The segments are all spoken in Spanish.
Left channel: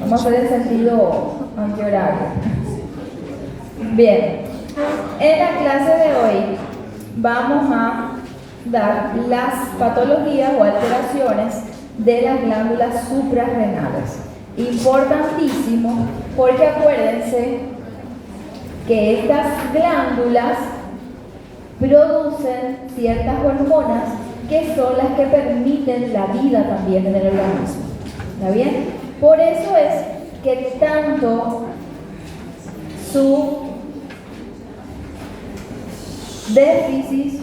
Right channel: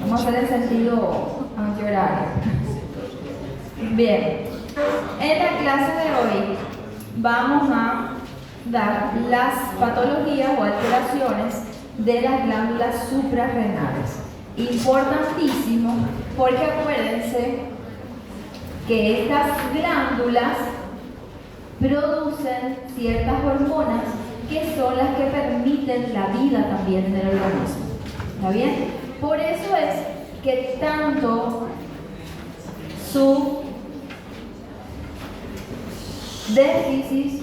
Vamos a hacer el sentido antihorario. Bien, en la clase de hoy vamos a dar las patologías o alteraciones de las glándulas suprarrenales. Importantísimo, porque acuérdense que estas glándulas producen ciertas hormonas que son las que permiten la vida también en el organismo. ¿Está bien? Por eso es que tanto su déficit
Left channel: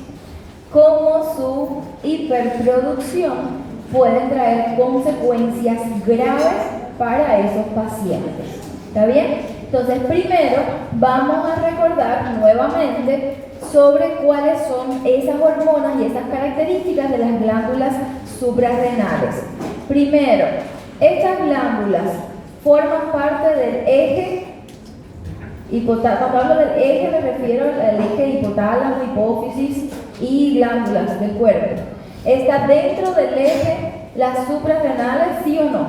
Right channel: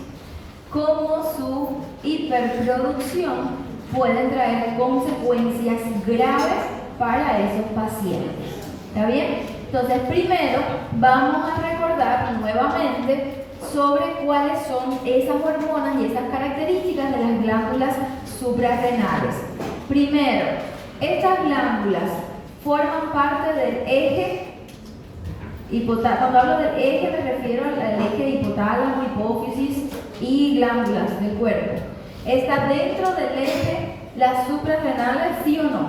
como su hiperproducción pueden traer consecuencias graves para esos pacientes. ¿Está bien? Entonces, primero vamos a recordar nuevamente sobre cuáles son esas hormonas y esas características de las glándulas suprarrenales. Primero, estas glándulas forman parte del eje hipotálamo. Cuando hablo del eje me refiero al eje hipotálamo, hipófisis y glándulas del cuerpo. ¿Está dentro del eje las suprarrenales, sí o no?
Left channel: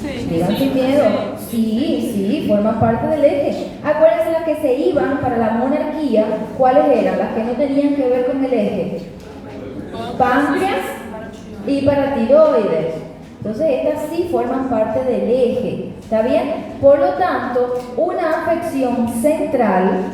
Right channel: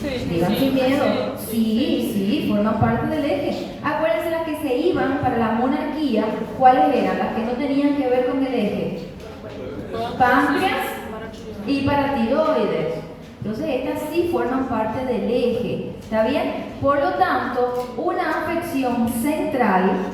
Sí. Digan sin miedo. Sí, forman parte del eje. Acuérdense las que se iban para la monarquía, ¿cuáles eran? Las que no tenían que ver con el eje. Páncreas y paratiroides. Entonces estas sí forman parte del eje. ¿Está bien? Por lo tanto, una afección central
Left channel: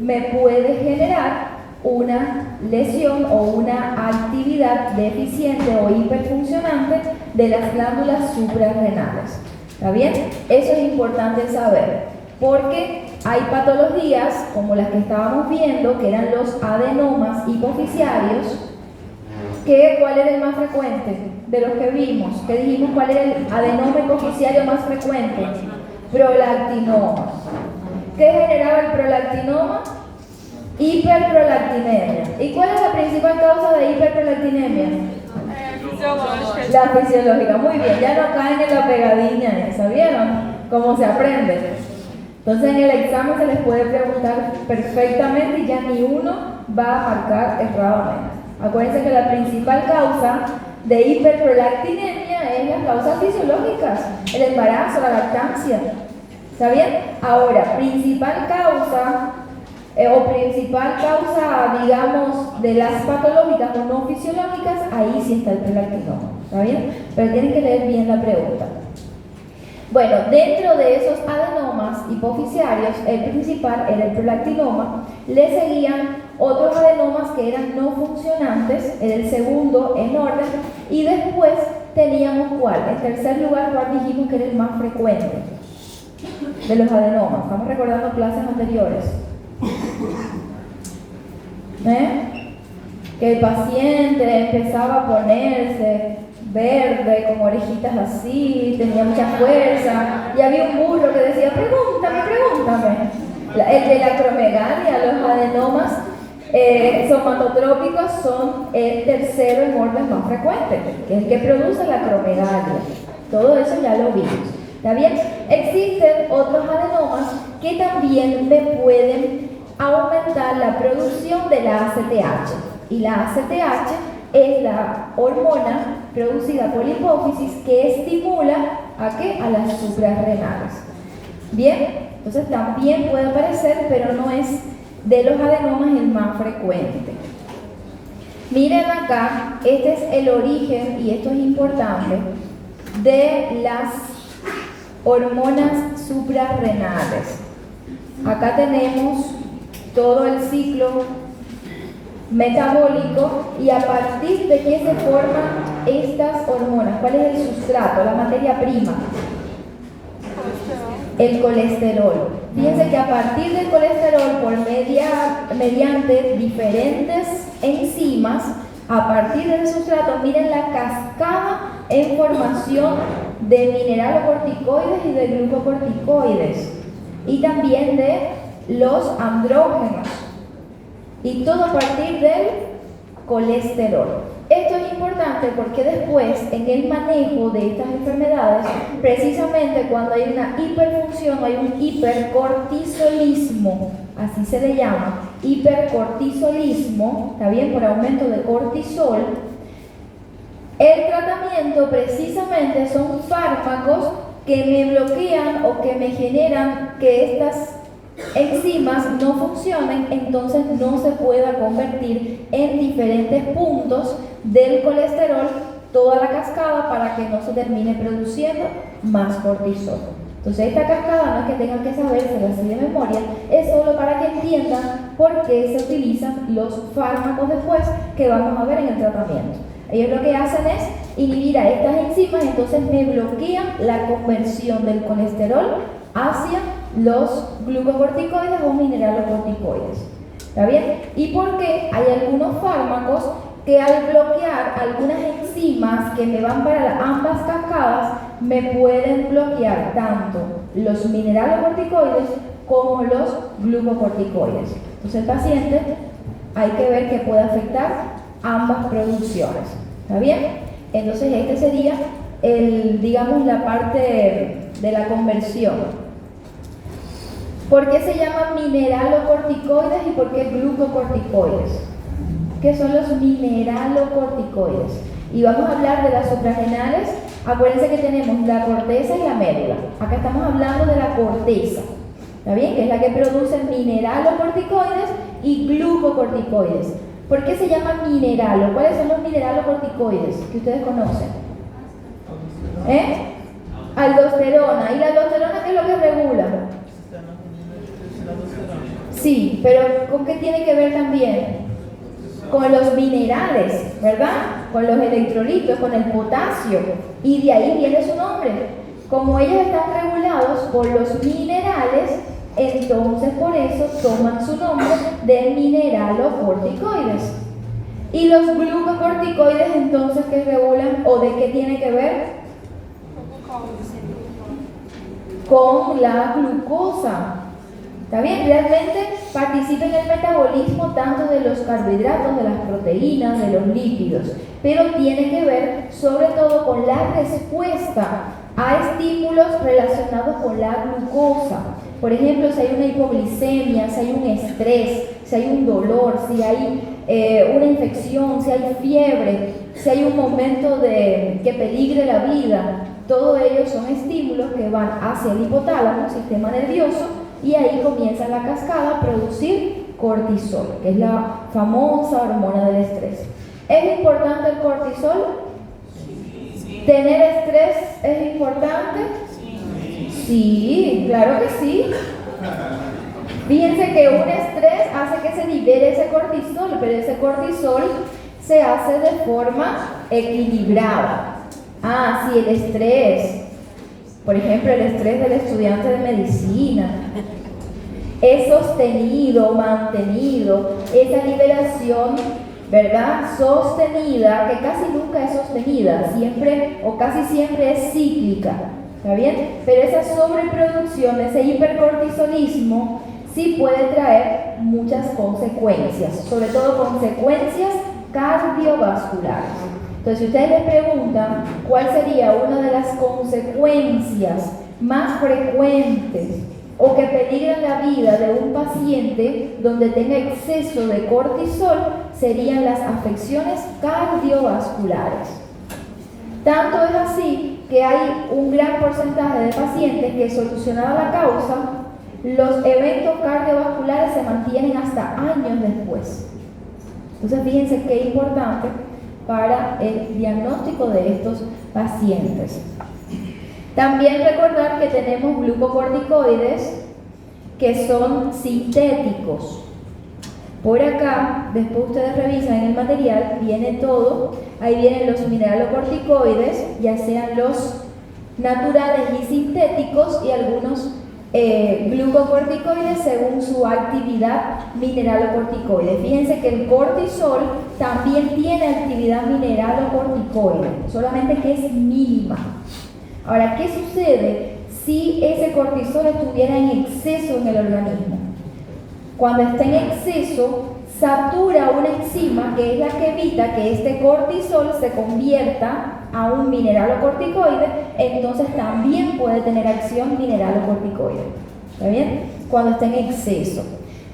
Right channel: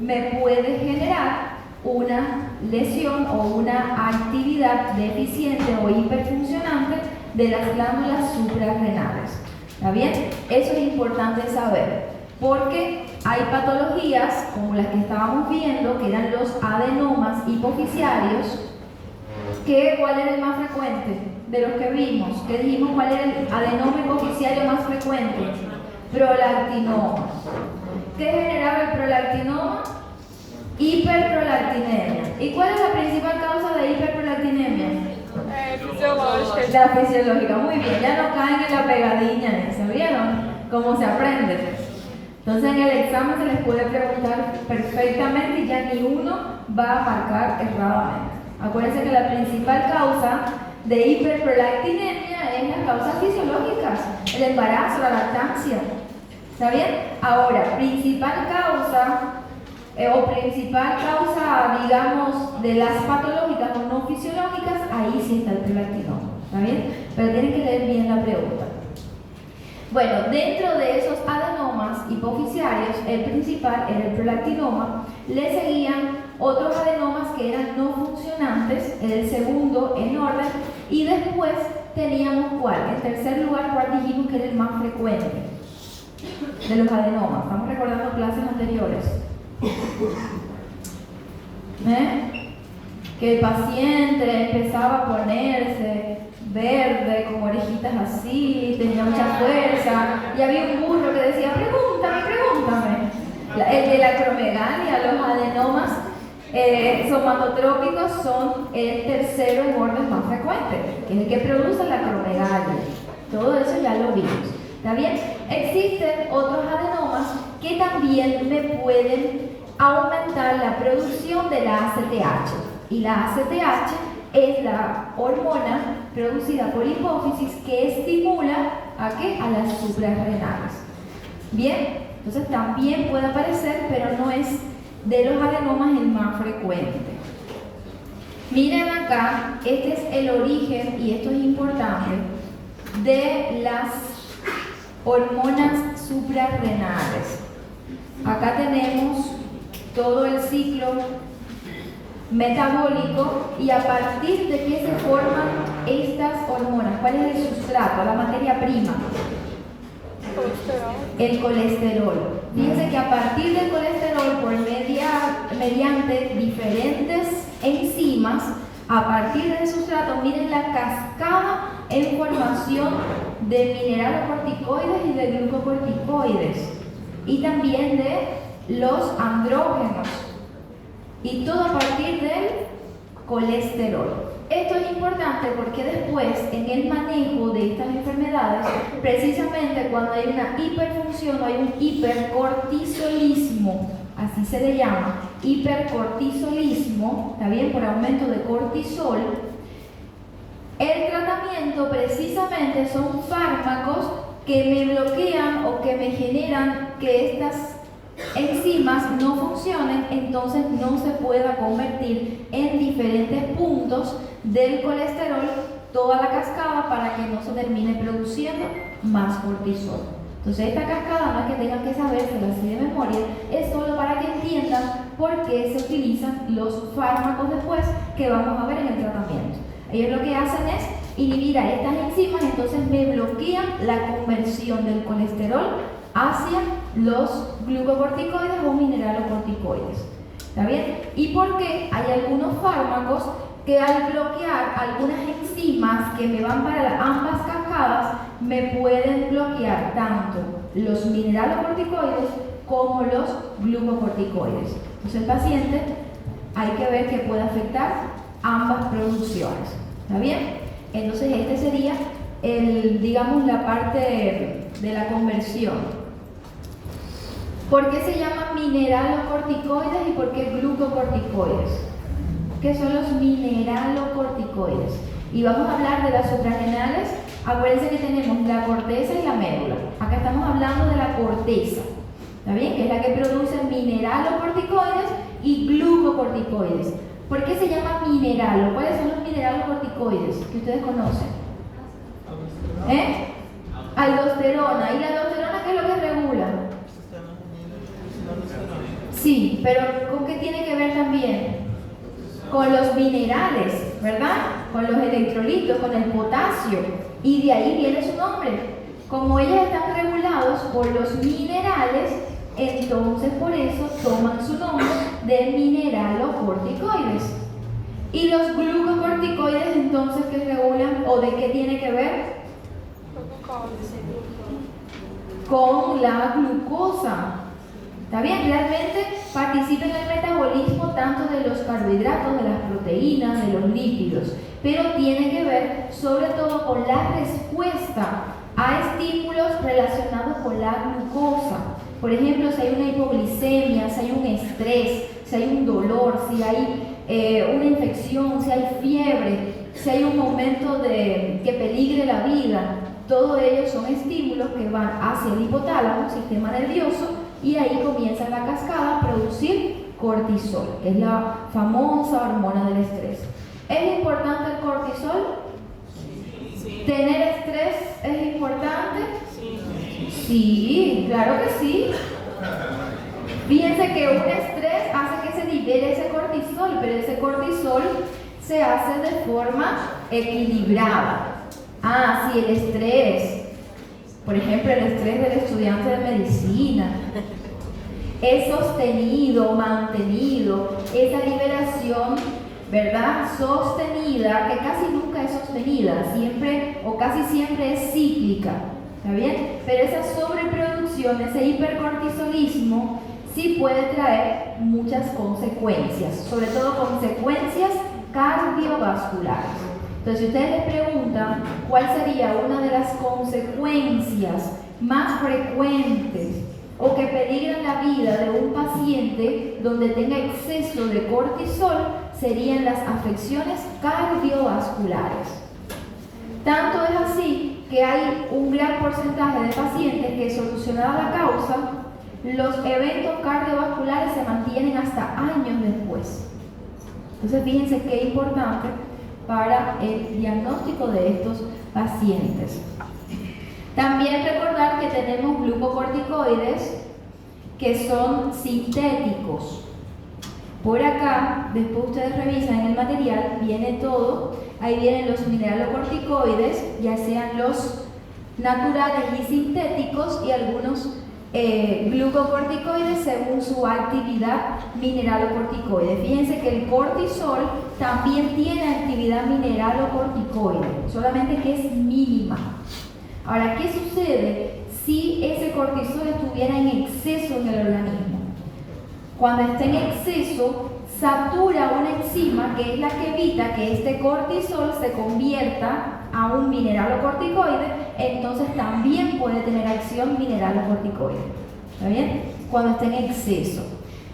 me puede generar una lesión o una actividad deficiente o hiperfuncionante de las glándulas suprarrenales. ¿Está bien? Eso es importante saber, porque hay patologías como las que estábamos viendo, que eran los adenomas hipofisiarios, que ¿cuál era el más frecuente de los que vimos? Que dijimos cuál era el adenoma hipofisiario más frecuente. Prolactinoma. ¿Qué generaba el prolactinoma? Hiperprolactinemia. ¿Y cuál es la principal causa de hiperprolactinemia? La fisiológica. Muy bien, ya no caen en la pegadilla esa, ¿vieron? Cómo se aprende. Entonces en el examen se les puede preguntar perfectamente y ya ni uno va a marcar erradamente. Acuérdense que la principal causa de hiperprolactinemia es las causas fisiológicas, el embarazo, la lactancia. ¿Está bien? Ahora, principal causa, digamos, de las patológicas o no fisiológicas, ahí sí está el prolactinoma. ¿Está bien? Pero tienen que leer bien la pregunta. Bueno, dentro de esos adenomas hipofisiarios, el principal era el prolactinoma, le seguían otros adenomas que eran no funcionantes, el segundo en orden, y después teníamos ¿cuál? En tercer lugar, ¿cuál dijimos que era el más frecuente de los adenomas? Estamos recordando clases anteriores. Que el paciente empezaba a ponerse verde, con orejitas así, tenía mucha fuerza, y había un burro que decía, pregúntame. El de la acromegalia, los adenomas somatotrópicos son el tercero en orden más frecuente, que es el que produce la acromegalia. Todo eso ya lo vimos. ¿Está bien? Existen otros adenomas que también me pueden aumentar la producción de la ACTH. Y la ACTH es la hormona producida por la hipófisis que estimula ¿a qué? A las suprarrenales. Bien, entonces también puede aparecer, pero no es de los adenomas el más frecuente. Miren acá, este es el origen, y esto es importante, de las hormonas suprarrenales. Acá tenemos todo el ciclo metabólico y a partir de qué se forman estas hormonas. ¿Cuál es el sustrato, la materia prima? El colesterol. Fíjense que a partir del colesterol, mediante diferentes enzimas, a partir del sustrato, miren la cascada en formación de mineralocorticoides y de glucocorticoides, y también de los andrógenos, y todo a partir del colesterol. Esto es importante porque después, en el manejo de estas enfermedades, precisamente cuando hay una hiperfunción, hay un hipercortisolismo, así se le llama, hipercortisolismo, ¿está bien? Por aumento de cortisol. El tratamiento precisamente son fármacos que me bloquean o que me generan que estas enzimas no funcionen, entonces no se pueda convertir en diferentes puntos del colesterol toda la cascada para que no se termine produciendo más cortisol. Entonces esta cascada no es que tengan que sabérselo así de memoria, es solo para que entiendan por qué se utilizan los fármacos después que vamos a ver en el tratamiento. Ellos lo que hacen es inhibir a estas enzimas, entonces me bloquean la conversión del colesterol hacia los glucocorticoides o mineralocorticoides. ¿Está bien? ¿Y por qué hay algunos fármacos que al bloquear algunas enzimas que me van para ambas cascadas me pueden bloquear tanto los mineralocorticoides como los glucocorticoides? Entonces el paciente hay que ver que puede afectar ambas producciones. ¿Está bien? Entonces este sería digamos la parte de la conversión. ¿Por qué se llaman mineralocorticoides y por qué glucocorticoides? ¿Qué son los mineralocorticoides? Y vamos a hablar de las suprarrenales. Acuérdense que tenemos la corteza y la médula. Acá estamos hablando de la corteza, ¿está bien? Que es la que produce mineralocorticoides y glucocorticoides. ¿Por qué se llama mineralo? ¿Cuáles son los mineralocorticoides que ustedes conocen? Aldosterona. ¿Y la aldosterona qué es lo que regula? Sí, pero ¿con qué tiene que ver también? Con los minerales, ¿verdad? Con los electrolitos, con el potasio. Y de ahí viene su nombre. Como ellos están regulados por los minerales, entonces por eso toman su nombre de mineralocorticoides. ¿Y los glucocorticoides entonces qué regulan o de qué tiene que ver? Con la glucosa. ¿Está bien? Realmente participa en el metabolismo tanto de los carbohidratos, de las proteínas, de los lípidos, pero tiene que ver sobre todo con la respuesta a estímulos relacionados con la glucosa. Por ejemplo, si hay una hipoglicemia, si hay un estrés, si hay un dolor, si hay una infección, si hay fiebre, si hay un momento que peligre la vida, todo ello son estímulos que van hacia el hipotálamo, sistema nervioso, y ahí comienza la cascada a producir cortisol, que es la famosa hormona del estrés. ¿Es importante el cortisol? ¿Tener estrés es importante? Sí, claro que sí. Fíjense que un estrés hace que se libere ese cortisol, pero ese cortisol se hace de forma equilibrada. Sí, el estrés, por ejemplo, el estrés del estudiante de medicina, es sostenido, mantenido, esa liberación, ¿verdad? Sostenida, que casi nunca es sostenida, siempre o casi siempre es cíclica, ¿está bien? Pero esa sobreproducción, ese hipercortisolismo, sí puede traer muchas consecuencias, sobre todo consecuencias cardiovasculares. Entonces, si ustedes les preguntan cuál sería una de las consecuencias más frecuentes o que peligran la vida de un paciente donde tenga exceso de cortisol, serían las afecciones cardiovasculares. Tanto es así que hay un gran porcentaje de pacientes que, solucionada la causa, los eventos cardiovasculares se mantienen hasta años después. Entonces, fíjense qué importante para el diagnóstico de estos pacientes. También recordar que tenemos glucocorticoides que son sintéticos. Por acá, después ustedes revisan en el material, viene todo. Ahí vienen los mineralocorticoides, ya sean los naturales y sintéticos, y algunos glucocorticoides según su actividad mineralocorticoide. Fíjense que el cortisol también tiene actividad mineralocorticoide, solamente que es mínima. Ahora, ¿qué sucede si ese cortisol estuviera en exceso en el organismo? Cuando está en exceso, satura una enzima que es la que evita que este cortisol se convierta a un mineralocorticoide, entonces también puede tener acción mineralocorticoide. ¿Está bien? Cuando está en exceso.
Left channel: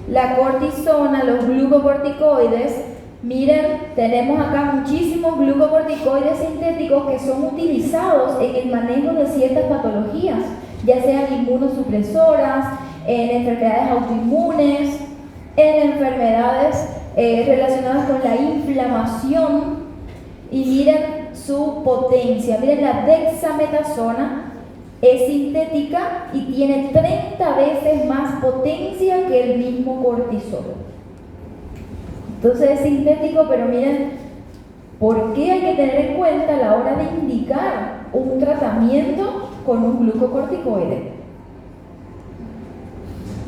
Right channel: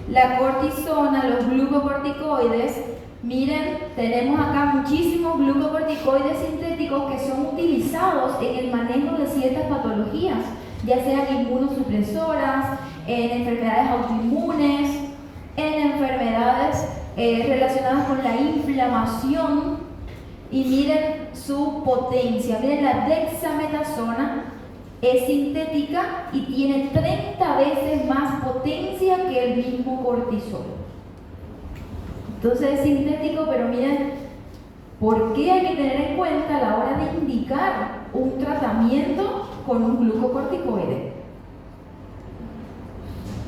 La cortisona, los glucocorticoides, Miren, tenemos acá muchísimos glucocorticoides sintéticos que son utilizados en el manejo de ciertas patologías, ya sean inmunosupresoras, en enfermedades autoinmunes, en enfermedades relacionadas con la inflamación. Y miren su potencia, miren, la dexametasona es sintética y tiene 30 veces más potencia que el mismo cortisol. Entonces es sintético, pero miren, ¿por qué hay que tener en cuenta a la hora de indicar un tratamiento con un glucocorticoide?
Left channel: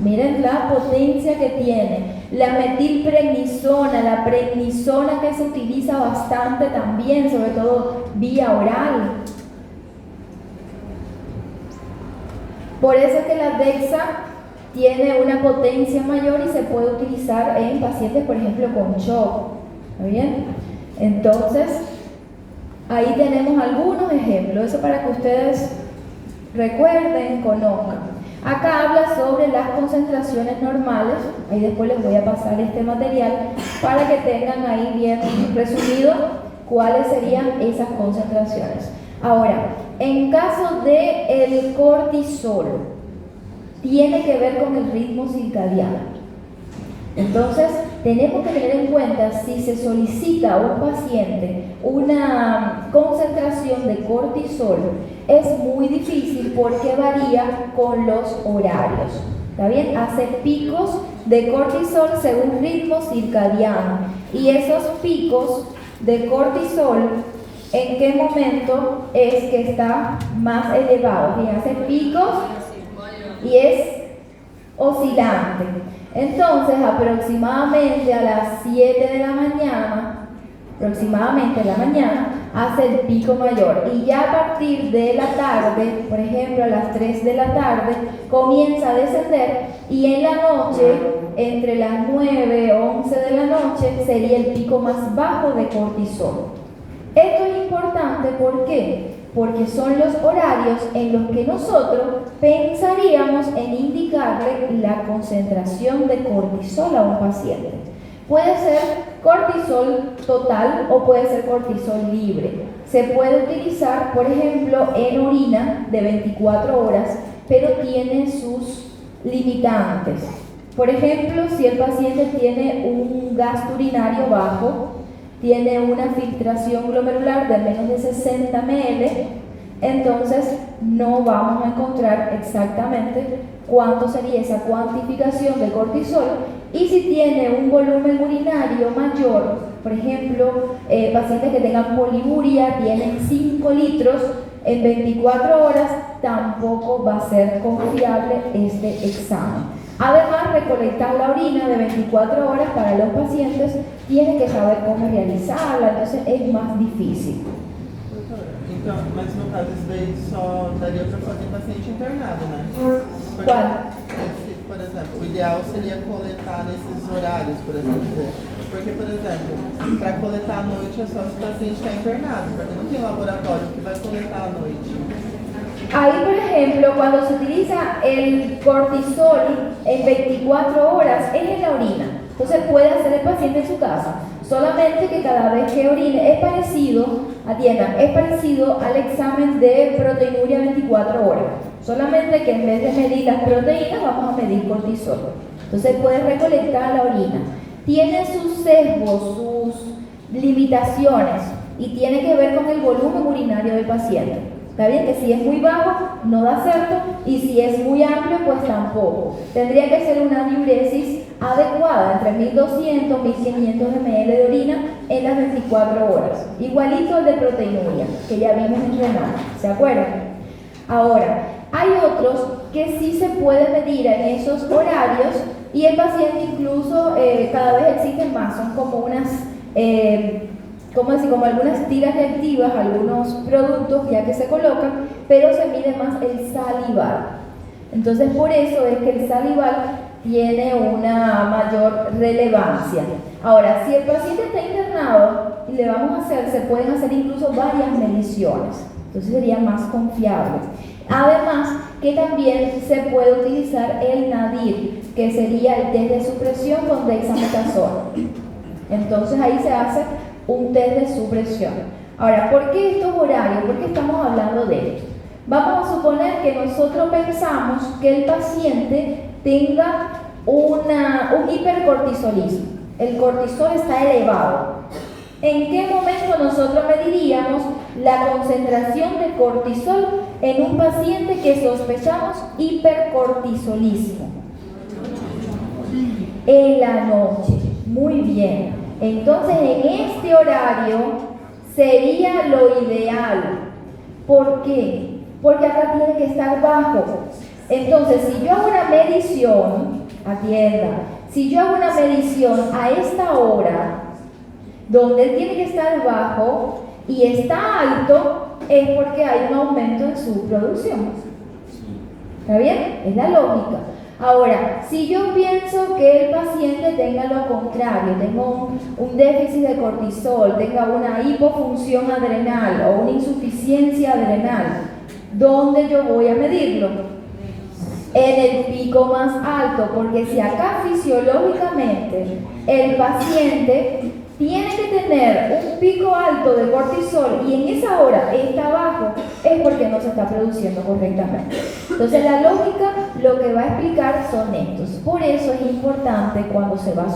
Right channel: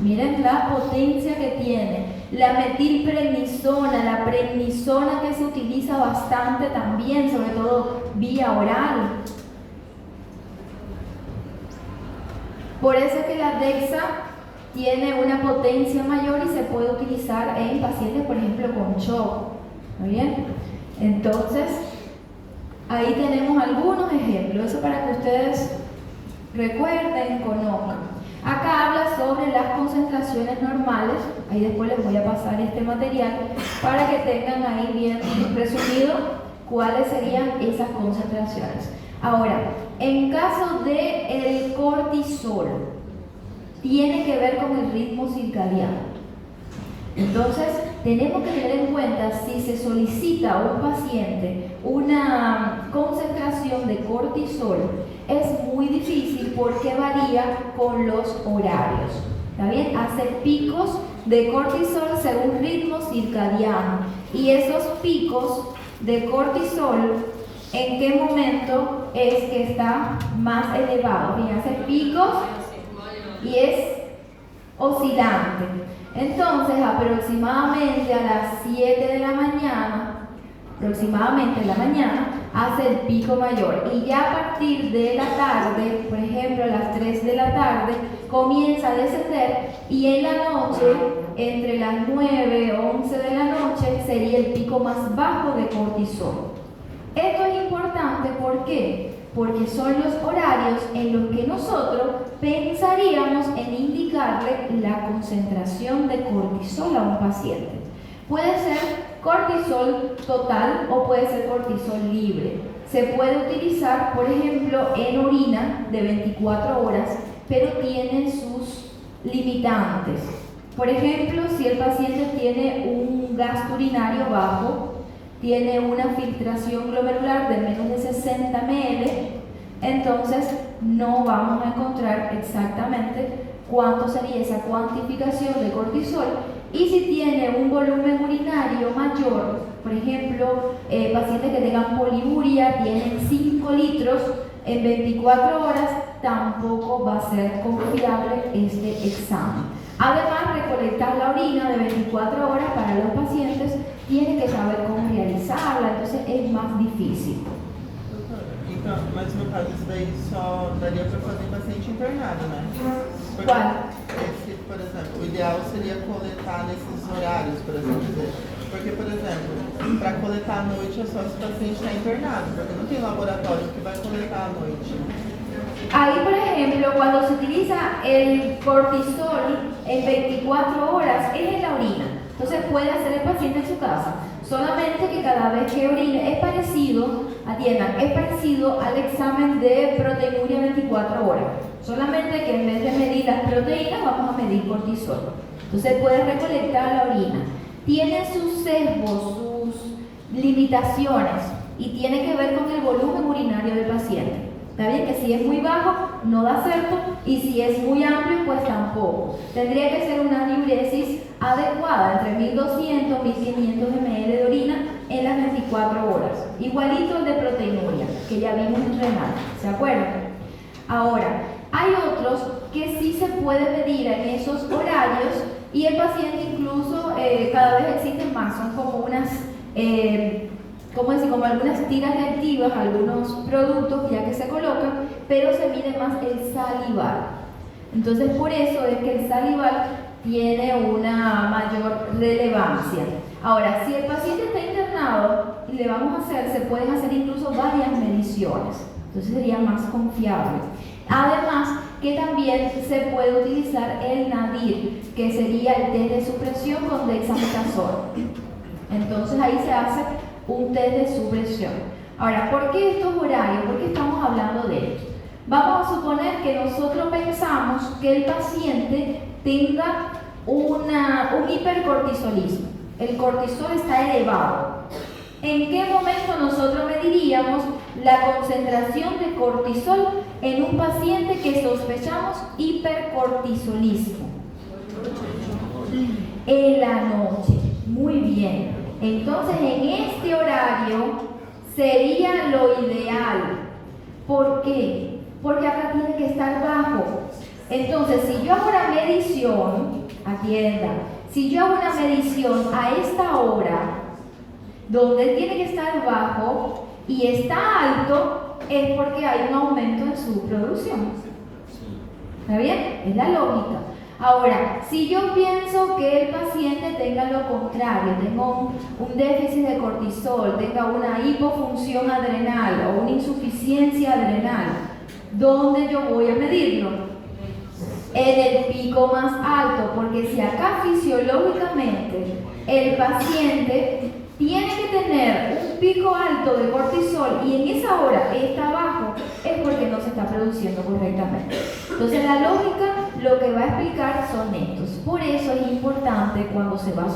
Miren la potencia que tiene. La metilprednisona, la prednisona que se utiliza bastante también, sobre todo vía oral. Por eso es que la dexa tiene una potencia mayor y se puede utilizar en pacientes, por ejemplo, con shock. ¿Muy bien? Entonces, ahí tenemos algunos ejemplos, eso para que ustedes recuerden, conozcan. Acá habla sobre las concentraciones normales, ahí después les voy a pasar este material para que tengan ahí bien resumido cuáles serían esas concentraciones. Ahora, en caso del cortisol, tiene que ver con el ritmo circadiano. Entonces, tenemos que tener en cuenta si se solicita a un paciente una concentración de cortisol, es muy difícil porque varía con los horarios. ¿Está bien? Hace picos de cortisol según ritmo circadiano. Y esos picos de cortisol, ¿en qué momento es que está más elevado? Bien, hace picos y es oscilante. Entonces, aproximadamente a las 7 de la mañana, hace el pico mayor. Y ya a partir de la tarde, por ejemplo, a las 3 de la tarde, comienza a descender. Y en la noche, entre las 9 o 11 de la noche, sería el pico más bajo de cortisol. Esto es importante, ¿por qué? Porque son los horarios en los que nosotros pensaríamos en indicarle la concentración de cortisol a un paciente. Puede ser cortisol total o puede ser cortisol libre. Se puede utilizar, por ejemplo, en orina de 24 horas, pero tiene sus limitantes. Por ejemplo, si el paciente tiene un gasto urinario bajo, tiene una filtración glomerular de menos de 60 ml, entonces no vamos a encontrar exactamente cuánto sería esa cuantificación de cortisol. Y si tiene un volumen urinario mayor, por ejemplo, pacientes que tengan poliuria, tienen 5 litros en 24 horas, tampoco va a ser confiable este examen. Además, recolectar la orina de 24 horas para los pacientes tiene que saber cómo realizarla, entonces es más difícil. Então, mas no caso isso daí só daria para fazer paciente internado, né? Porque, por exemplo, o ideal seria coletar nesses horários, por assim dizer. Porque, por exemplo, para coletar à noite é só se o paciente está internado, porque não tem laboratório que vai coletar à noite. Ahí, por ejemplo, cuando se utiliza el cortisol en 24 horas es en la orina. Entonces puede hacer el paciente en su casa. Solamente que cada vez que orine es parecido, atiendan, es parecido al examen de proteinuria 24 horas. Solamente que en vez de medir las proteínas vamos a medir cortisol. Entonces puede recolectar la orina. Tiene sus sesgos, sus limitaciones y tiene que ver con el volumen urinario del paciente. Está bien que si es muy bajo no da certo y si es muy amplio pues tampoco. Tendría que ser una diuresis adecuada entre 1200 y 1500 ml de orina en las 24 horas. Igualito al de proteinuria que ya vimos en renal, ¿se acuerdan? Ahora, hay otros que sí se puede medir en esos horarios y el paciente incluso cada vez existen más, son como unas como algunas tiras reactivas, algunos productos ya que se colocan, pero se mide más el salival. Entonces por eso es que el salival tiene una mayor relevancia. Ahora, si el paciente está internado y le vamos a hacer, se pueden hacer incluso varias mediciones, entonces sería más confiable. Además, que también se puede utilizar el NADIR, que sería el test de supresión con dexametasona. Entonces ahí se hace un test de supresión. Ahora, ¿por qué estos horarios? ¿Por qué estamos hablando de esto? Vamos a suponer que nosotros pensamos que el paciente tenga un hipercortisolismo. El cortisol está elevado. ¿En qué momento nosotros mediríamos la concentración de cortisol en un paciente que sospechamos hipercortisolismo? En la noche. Muy bien. Entonces, en este horario sería lo ideal. ¿Por qué? Porque acá tiene que estar bajo. Entonces, si yo hago una medición, atienda, si yo hago una medición a esta hora, donde él tiene que estar bajo y está alto, es porque hay un aumento en su producción. ¿Está bien? Es la lógica. Ahora, si yo pienso que el paciente tenga lo contrario, tenga un déficit de cortisol, tenga una hipofunción adrenal o una insuficiencia adrenal, ¿dónde yo voy a medirlo? En el pico más alto, porque si acá fisiológicamente el paciente tiene que tener un pico alto de cortisol y en esa hora está bajo, es porque no se está produciendo correctamente. Entonces la lógica lo que va a explicar son estos. Por eso es importante cuando se va a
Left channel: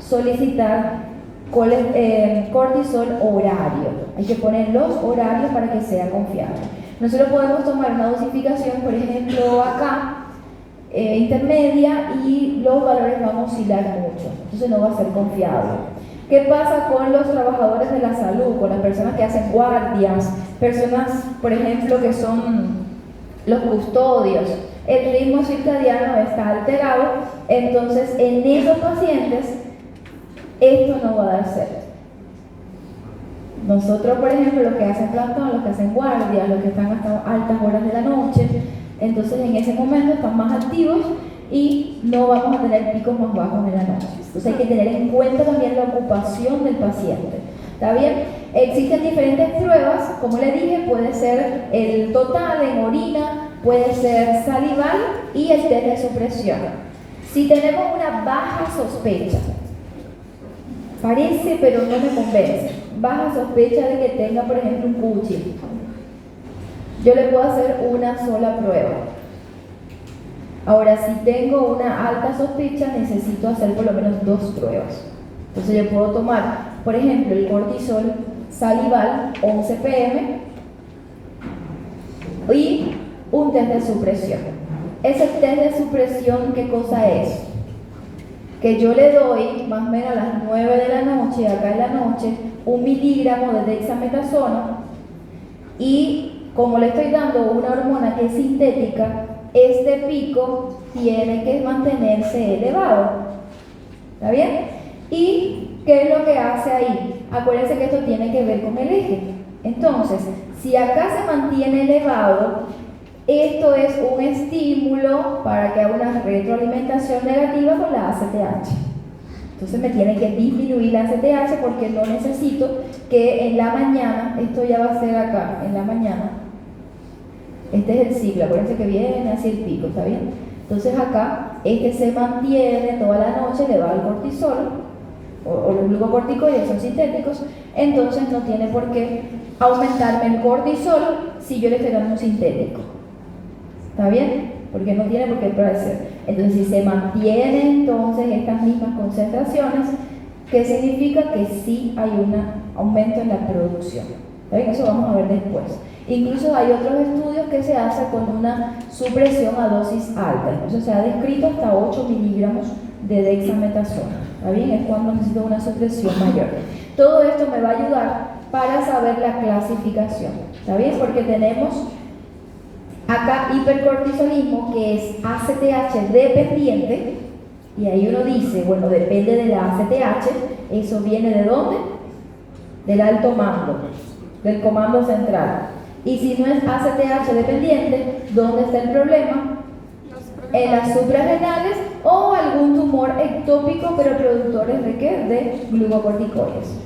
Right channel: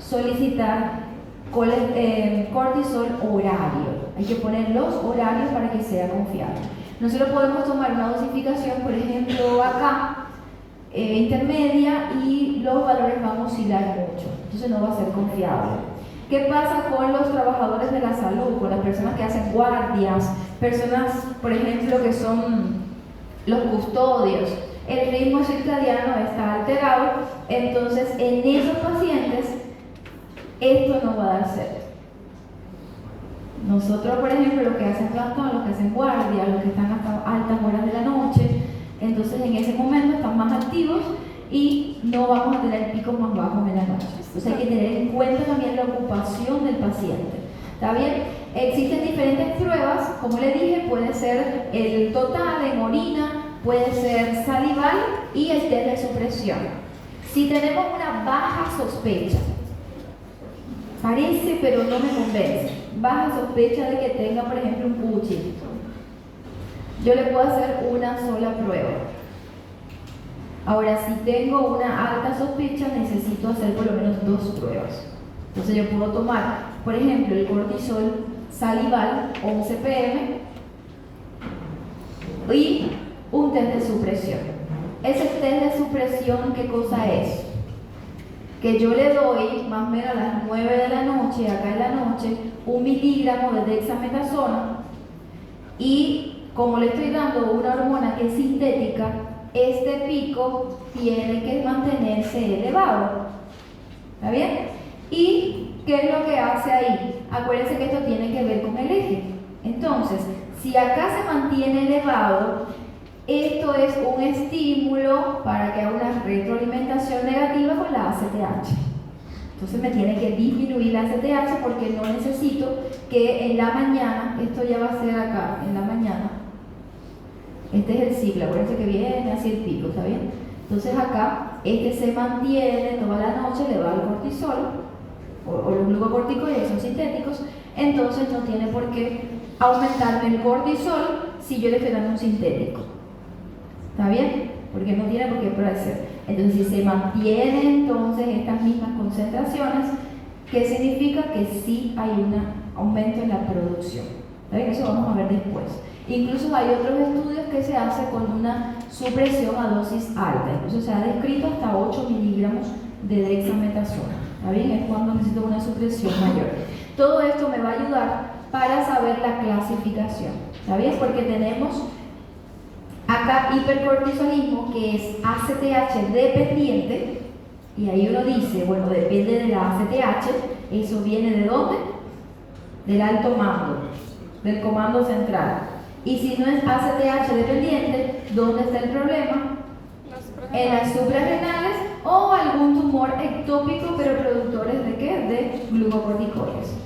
solicitar cortisol horario. Hay que poner los horarios para que sea confiable. Nosotros podemos tomar una dosificación, por ejemplo acá, intermedia, y los valores van a oscilar mucho, entonces no va a ser confiable. ¿Qué pasa con los trabajadores de la salud, con las personas que hacen guardias, personas, por ejemplo, que son los custodios? El ritmo circadiano está alterado, entonces en esos pacientes esto no va a dar cero. Nosotros, por ejemplo, los que hacen plantón, los que hacen guardia, los que están hasta altas horas de la noche, entonces en ese momento están más activos y no vamos a tener picos más bajos en la noche. Entonces hay que tener en cuenta también la ocupación del paciente. ¿Está bien? Existen diferentes pruebas, como le dije, puede ser el total en orina, puede ser salival y el test de supresión. Si tenemos una baja sospecha, parece pero no me convence, baja sospecha de que tenga, por ejemplo, un Cushing, yo le puedo hacer una sola prueba. Ahora, si tengo una alta sospecha, necesito hacer por lo menos 2 pruebas. Entonces yo puedo tomar, por ejemplo, el cortisol salival 11 pm y un test de supresión. Ese test de supresión, ¿qué cosa es? Que yo le doy más o menos a las 9 de la noche, acá en la noche, 1 miligramo de dexametasona, y como le estoy dando una hormona que es sintética, este pico tiene que mantenerse elevado. ¿Está bien? ¿Y qué es lo que hace ahí? Acuérdense que esto tiene que ver con el eje. Entonces, si acá se mantiene elevado, esto es un estímulo para que haga una retroalimentación negativa con la ACTH. Entonces me tiene que disminuir la ACTH porque no necesito que en la mañana, esto ya va a ser acá, en la mañana, este es el ciclo, acuérdense que viene así el pico, ¿está bien? Entonces acá, este se mantiene toda la noche elevado el cortisol, o los glucocorticoides son sintéticos, entonces no tiene por qué aumentarme el cortisol si yo le estoy dando un sintético. ¿Está bien? Porque no tiene por qué parecer. Entonces, si se mantienen entonces estas mismas concentraciones, ¿qué significa? Que sí hay un aumento en la producción. ¿Está bien? Eso vamos a ver después. Incluso hay otros estudios que se hacen con una supresión a dosis alta. Incluso se ha descrito hasta 8 miligramos de dexametasona. ¿Está bien? Es cuando necesito una supresión mayor. Todo esto me va a ayudar para saber la clasificación. ¿Está bien? Porque tenemos acá hipercortisolismo, que es ACTH dependiente, y ahí uno dice, bueno, depende de la ACTH, eso viene ¿de dónde? Del alto mando, del comando central. Y si no es ACTH dependiente, ¿dónde está el problema? En las suprarrenales o algún tumor ectópico, pero productores ¿de qué? De glucocorticoides.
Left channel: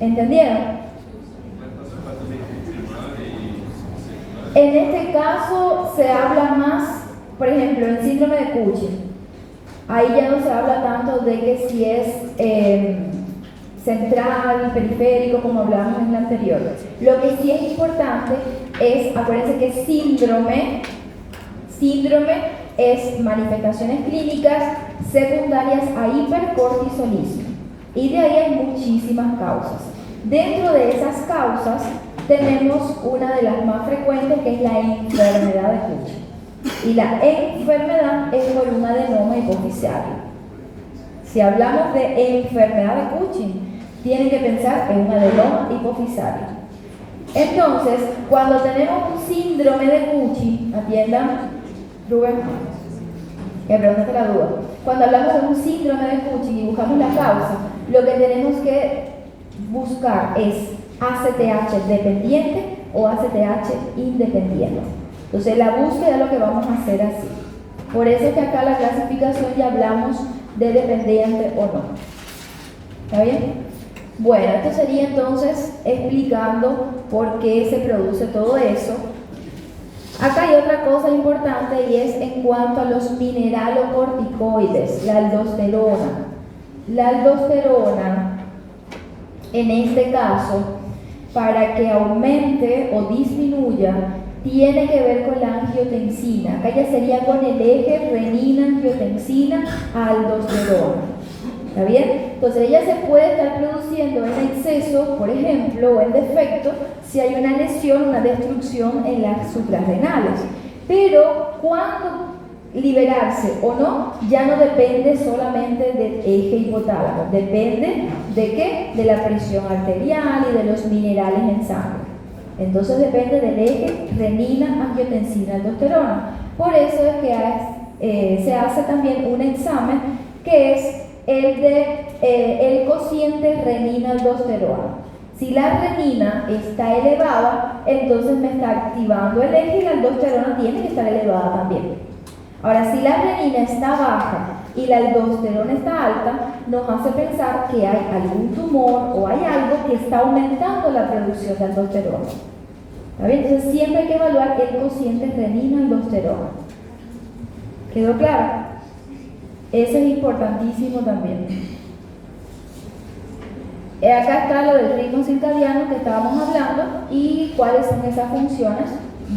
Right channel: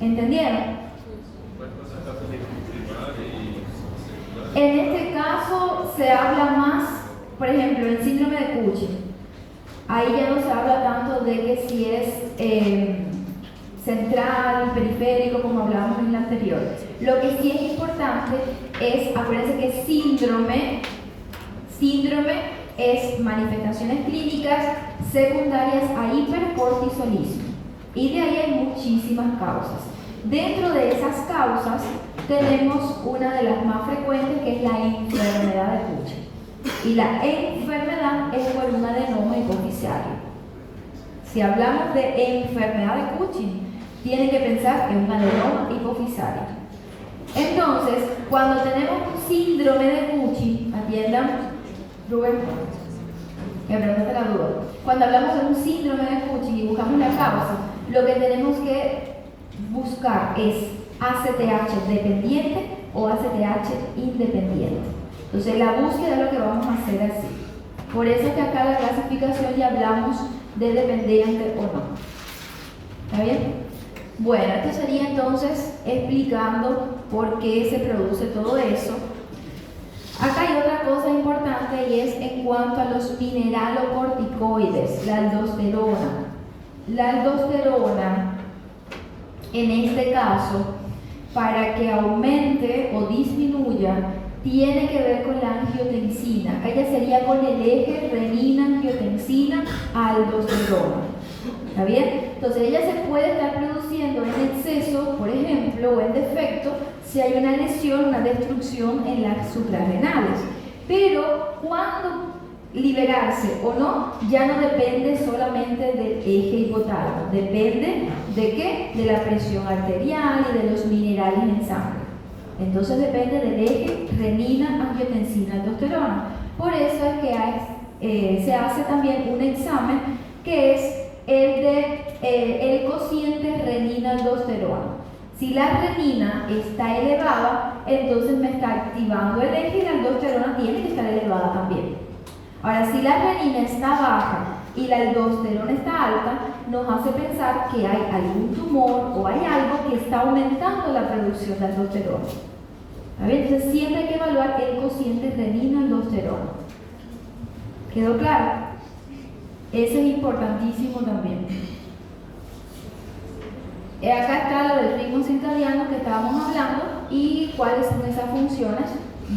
¿Entendieron? En este caso se habla más, por ejemplo, en el síndrome de Cushing. Ahí ya no se habla tanto de que si es central, periférico, como hablábamos en el anterior. Lo que sí es importante es, acuérdense que síndrome es manifestaciones clínicas secundarias a hipercortisolismo. Y de ahí hay muchísimas causas. Dentro de esas causas tenemos una de las más frecuentes, que es la enfermedad de Cushing. Y la enfermedad es por un adenoma hipoficiario. Si hablamos de enfermedad de Cushing, tienen que pensar en un adenoma hipoficiario. Entonces, cuando tenemos un síndrome de Cushing, atiendan, Rubén, que preguntaste la duda. Cuando hablamos de un síndrome de Cushing y buscamos la causa, lo que tenemos que buscar es ACTH dependiente o ACTH independiente. Entonces, la búsqueda es lo que vamos a hacer así. Por eso es que acá la clasificación ya hablamos de dependiente o no. ¿Está bien? Bueno, esto sería entonces explicando por qué se produce todo eso. Acá hay otra cosa importante y es en cuanto a los mineralocorticoides, la aldosterona. La aldosterona, en este caso, para que aumente o disminuya, tiene que ver con la angiotensina. Acá ya sería con el eje renina-angiotensina-aldosterona. ¿Está bien? Entonces ella se puede estar produciendo en exceso, por ejemplo, o en defecto, si hay una lesión, una destrucción en las suprarrenales. Pero cuando liberarse o no, ya no depende solamente del eje hipotálamo, depende ¿de qué? De la presión arterial y de los minerales en sangre. Entonces depende del eje renina-angiotensina-aldosterona. Por eso es que se hace también un examen que es el cociente renina-aldosterona. Si la renina está elevada, entonces me está activando el eje y la aldosterona tiene que estar elevada también. Ahora, si la renina está baja y la aldosterona está alta, nos hace pensar que hay algún tumor o hay algo que está aumentando la producción de aldosterona. ¿Está bien? Entonces siempre hay que evaluar el cociente renina-aldosterona. ¿Quedó claro? Eso es importantísimo también. Acá está lo del ritmo circadiano que estábamos hablando y cuáles son esas funciones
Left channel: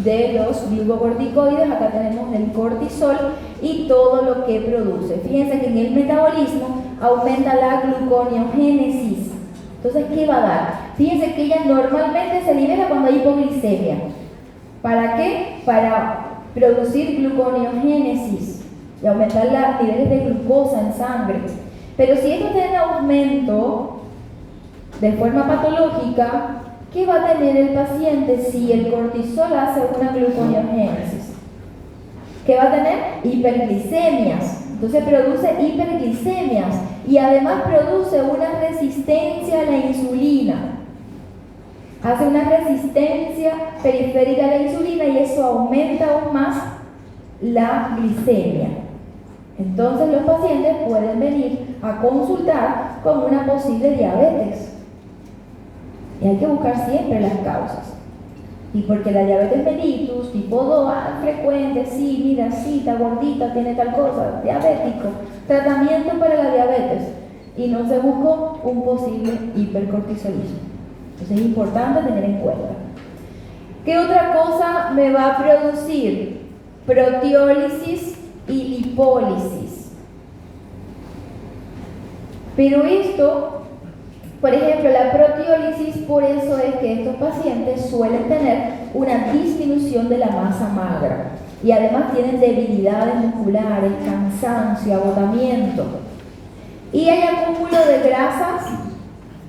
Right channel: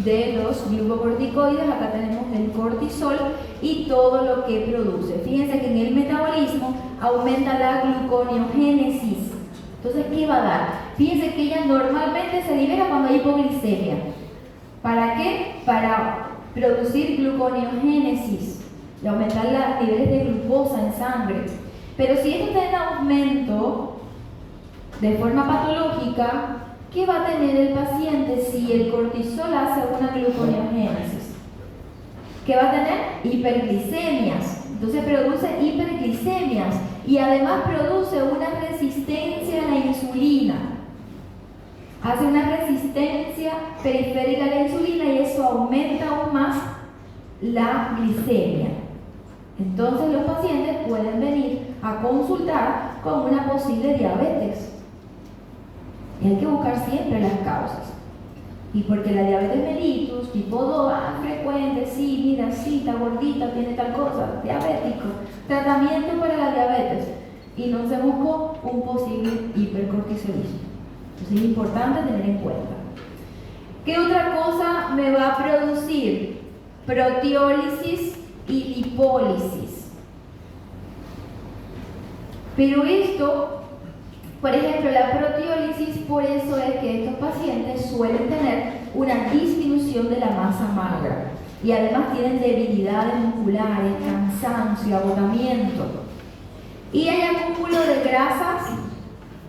de los glucocorticoides. Acá tenemos el cortisol y todo lo que produce. Fíjense que en el metabolismo aumenta la gluconeogénesis. Entonces, ¿qué va a dar? Fíjense que ella normalmente se libera cuando hay hipoglicemia. ¿Para qué? Para producir gluconeogénesis y aumentar los niveles de glucosa en sangre. Pero si esto tiene aumento de forma patológica, ¿qué va a tener el paciente si el cortisol hace una gluconeogénesis? ¿Qué va a tener? Hiperglicemias. Entonces produce hiperglicemias y además produce una resistencia a la insulina. Hace una resistencia periférica a la insulina y eso aumenta aún más la glicemia. Entonces los pacientes pueden venir a consultar con una posible diabetes. Y hay que buscar siempre las causas. Y porque la diabetes mellitus, tipo 2, frecuente, sí, mira, sí, está gordita, tiene tal cosa, diabético, tratamiento para la diabetes. Y no se buscó un posible hipercortisolismo. Entonces es importante tener en cuenta. ¿Qué otra cosa me va a producir? Proteólisis y lipólisis. Pero esto, por ejemplo, la proteólisis, por eso es que estos pacientes suelen tener una disminución de la masa magra y además tienen debilidades musculares, cansancio, agotamiento. Y hay acúmulo de grasas,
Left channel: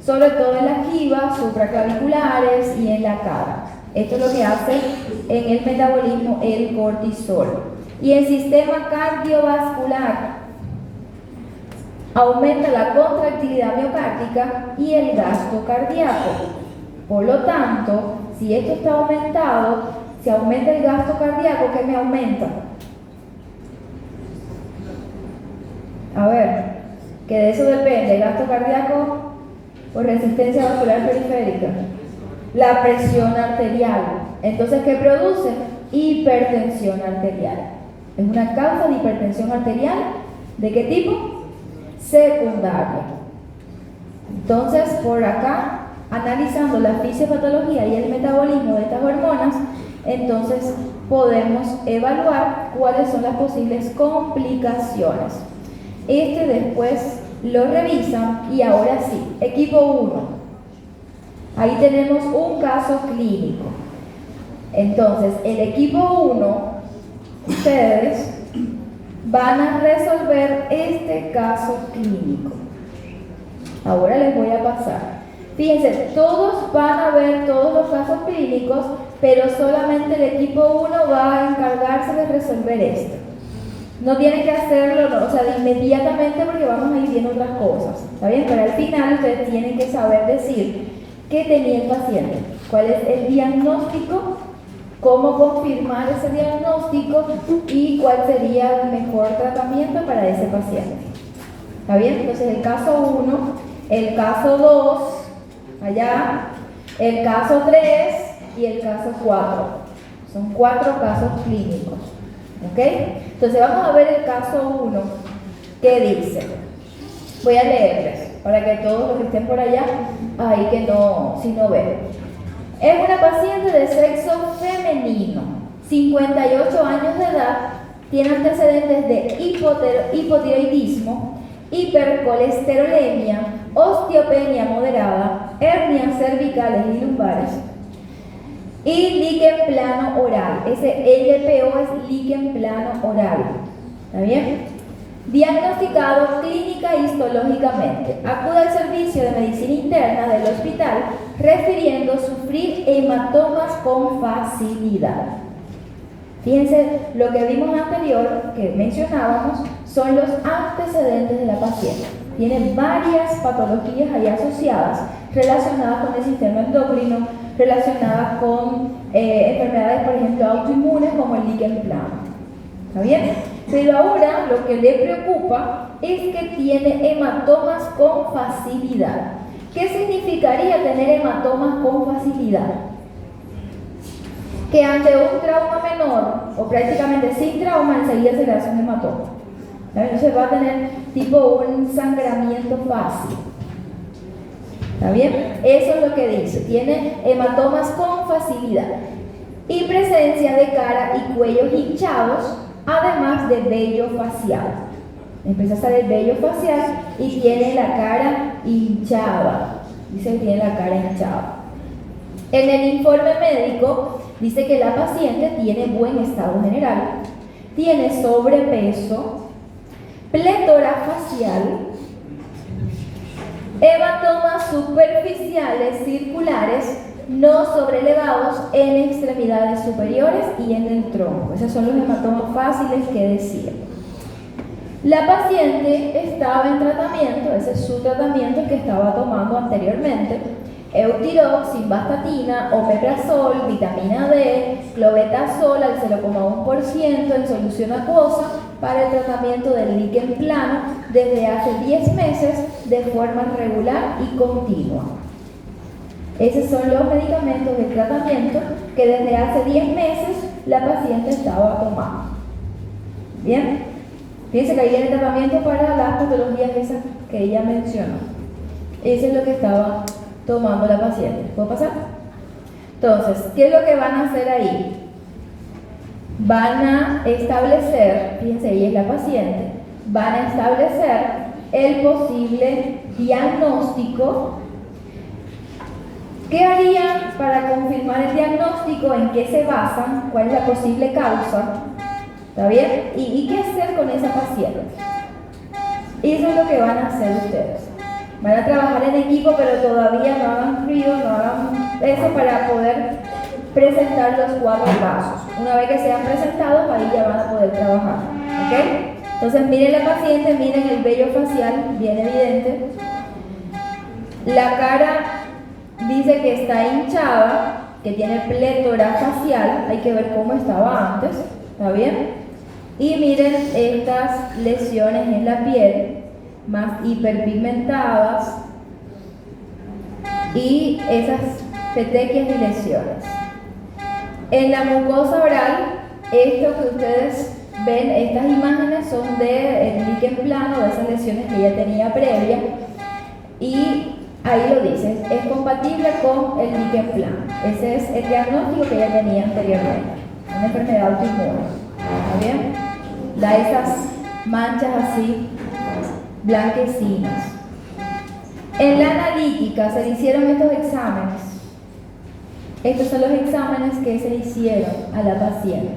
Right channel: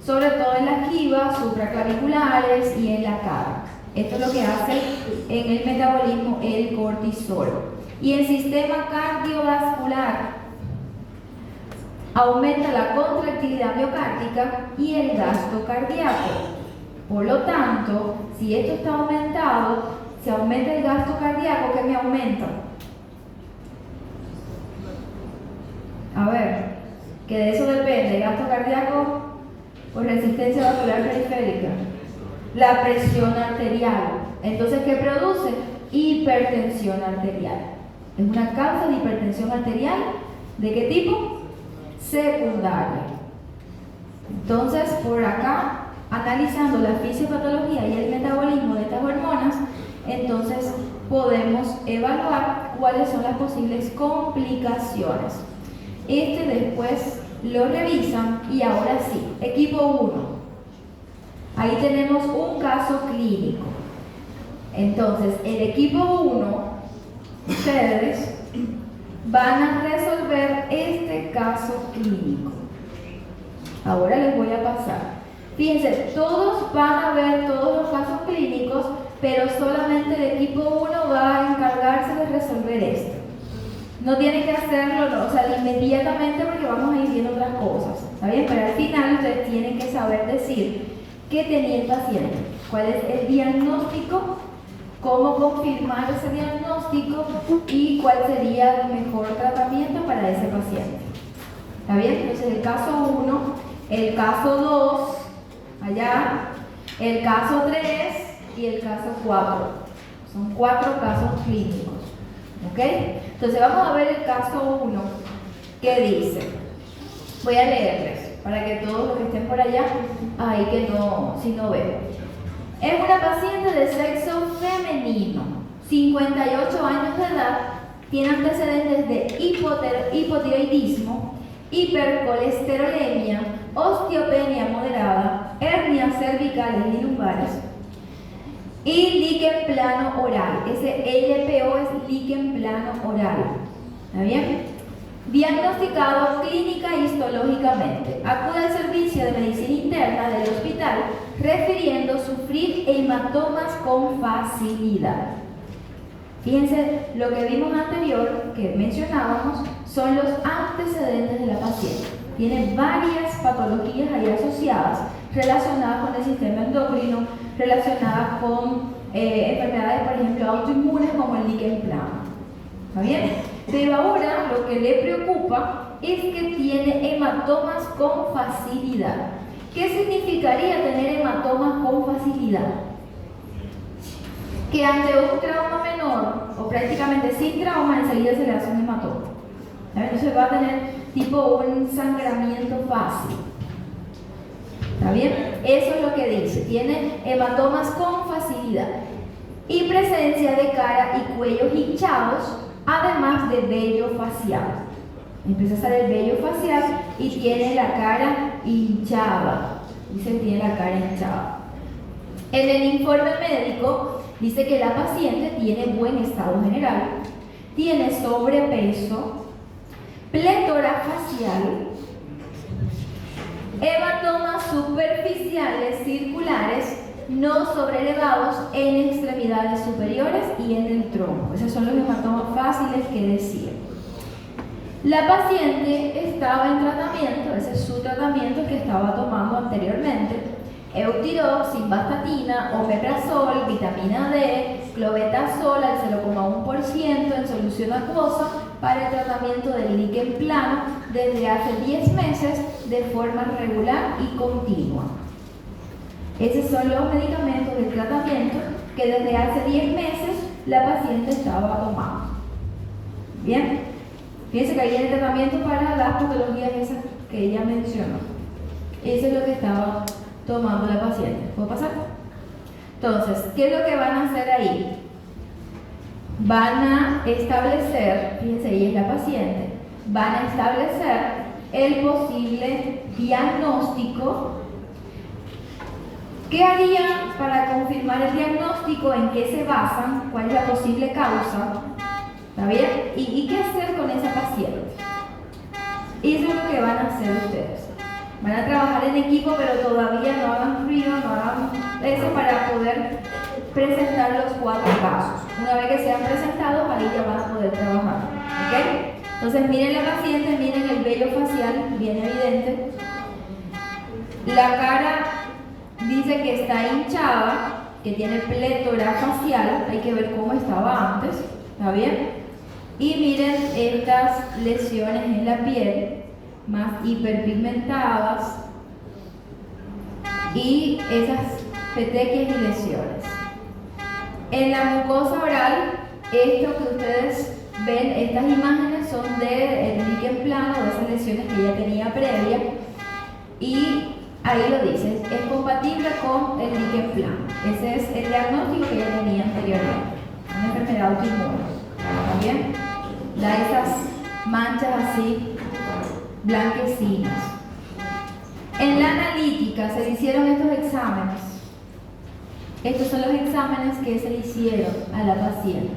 sobre todo en las quivas, supraclaviculares y en la cara. Esto es lo que hace en el metabolismo el cortisol. Y el sistema cardiovascular aumenta la contractilidad miocárdica y el gasto cardíaco. Por lo tanto, si esto está aumentado, si aumenta el gasto cardíaco, ¿qué me aumenta? A ver, que de eso depende el gasto cardíaco por resistencia vascular periférica. La presión arterial. Entonces, ¿qué produce? Hipertensión arterial. Es una causa de hipertensión arterial. ¿De qué tipo? Secundaria. Entonces, por acá, analizando la fisiopatología y el metabolismo de estas hormonas, entonces podemos evaluar cuáles son las posibles complicaciones. Después lo revisan y ahora sí, equipo 1. Ahí tenemos un caso clínico. Entonces, el equipo 1, ustedes van a resolver este caso clínico. Ahora les voy a pasar. Fíjense, todos van a ver todos los casos clínicos, pero solamente el equipo 1 va a encargarse de resolver esto. No tienen que hacerlo, no, o sea, inmediatamente, porque vamos a ir viendo otras cosas, ¿está bien? Pero al final ustedes tienen que saber decir qué tenía el paciente, cuál es el diagnóstico, cómo confirmar ese diagnóstico y cuál sería el mejor tratamiento para ese paciente. ¿Está bien? Entonces el caso 1, el caso 2, allá, el caso 3 y el caso 4. Son 4 casos clínicos. ¿Ok? Entonces vamos a ver el caso 1. ¿Qué dice? Voy a leerles para que todos los que estén por allá, ahí que no, si no ven. Es una paciente de sexo femenino, 58 años de edad, tiene antecedentes de hipotiroidismo, hipercolesterolemia, osteopenia moderada, hernias cervicales y lumbares y líquen plano oral. Ese LPO es líquen plano oral. ¿Está bien? Diagnosticado clínica y histológicamente. Acude al servicio de medicina interna del hospital refiriendo sufrir hematomas con facilidad. Fíjense, lo que vimos anterior, que mencionábamos, son los antecedentes de la paciente. Tiene varias patologías ahí asociadas, relacionadas con el sistema endocrino, relacionadas con enfermedades, por ejemplo, autoinmunes como el líquen plano. ¿Está bien? Pero ahora lo que le preocupa es que tiene hematomas con facilidad. ¿Qué significaría tener hematomas con facilidad? Que ante un trauma menor, o prácticamente sin trauma, enseguida se le hace un hematoma. Entonces va a tener tipo un sangramiento fácil. ¿Está bien? Eso es lo que dice. Tiene hematomas con facilidad. Y presencia de cara y cuellos hinchados, además de vello facial. Empieza a salir vello facial y tiene la cara hinchada. Dice que tiene la cara hinchada. En el informe médico dice que la paciente tiene buen estado general, tiene sobrepeso, plétora facial, hematomas superficiales circulares no sobrelevados en extremidades superiores y en el tronco. Esos son los hematomas fáciles que decía. La paciente estaba en tratamiento, ese es su tratamiento que estaba tomando anteriormente: Eutirox, simvastatina, omeprazol, vitamina D, clobetasol al 0,1% en solución acuosa para el tratamiento del líquen plano desde hace 10 meses de forma regular y continua. Esos son los medicamentos del tratamiento que desde hace 10 meses la paciente estaba tomando. Bien, fíjense que ahí viene el tratamiento para las patologías esas que ella mencionó. Eso es lo que estaba tomando la paciente. ¿Puedo pasar? Entonces, ¿qué es lo que van a hacer ahí? Van a establecer, fíjense, ella es la paciente, van a establecer el posible diagnóstico. ¿Qué harían para confirmar el diagnóstico? ¿En qué se basan? ¿Cuál es la posible causa? ¿Está bien? ¿Y qué hacer con esa paciente? Eso es lo que van a hacer ustedes. Van a trabajar en equipo, pero todavía no hagan ruido, no hagan eso para poder presentar los 4 casos. Una vez que sean presentados, ahí ya van a poder trabajar. ¿Ok? Entonces miren la paciente, miren el vello facial, bien evidente. La cara dice que está hinchada, que tiene plétora facial, hay que ver cómo estaba antes, ¿está bien? Y miren estas lesiones en la piel, más hiperpigmentadas, y esas petequias y lesiones. En la mucosa oral, esto que ustedes ven, estas imágenes son del líquen plano, de esas lesiones que ella tenía previa, y ahí lo dice, es compatible con el Dickenplan. Ese es el diagnóstico que ella tenía anteriormente, una enfermedad autoinmune. ¿Muy bien? Da esas manchas así blanquecinas. En la analítica se le hicieron estos exámenes. Estos son los exámenes que se le hicieron a la paciente.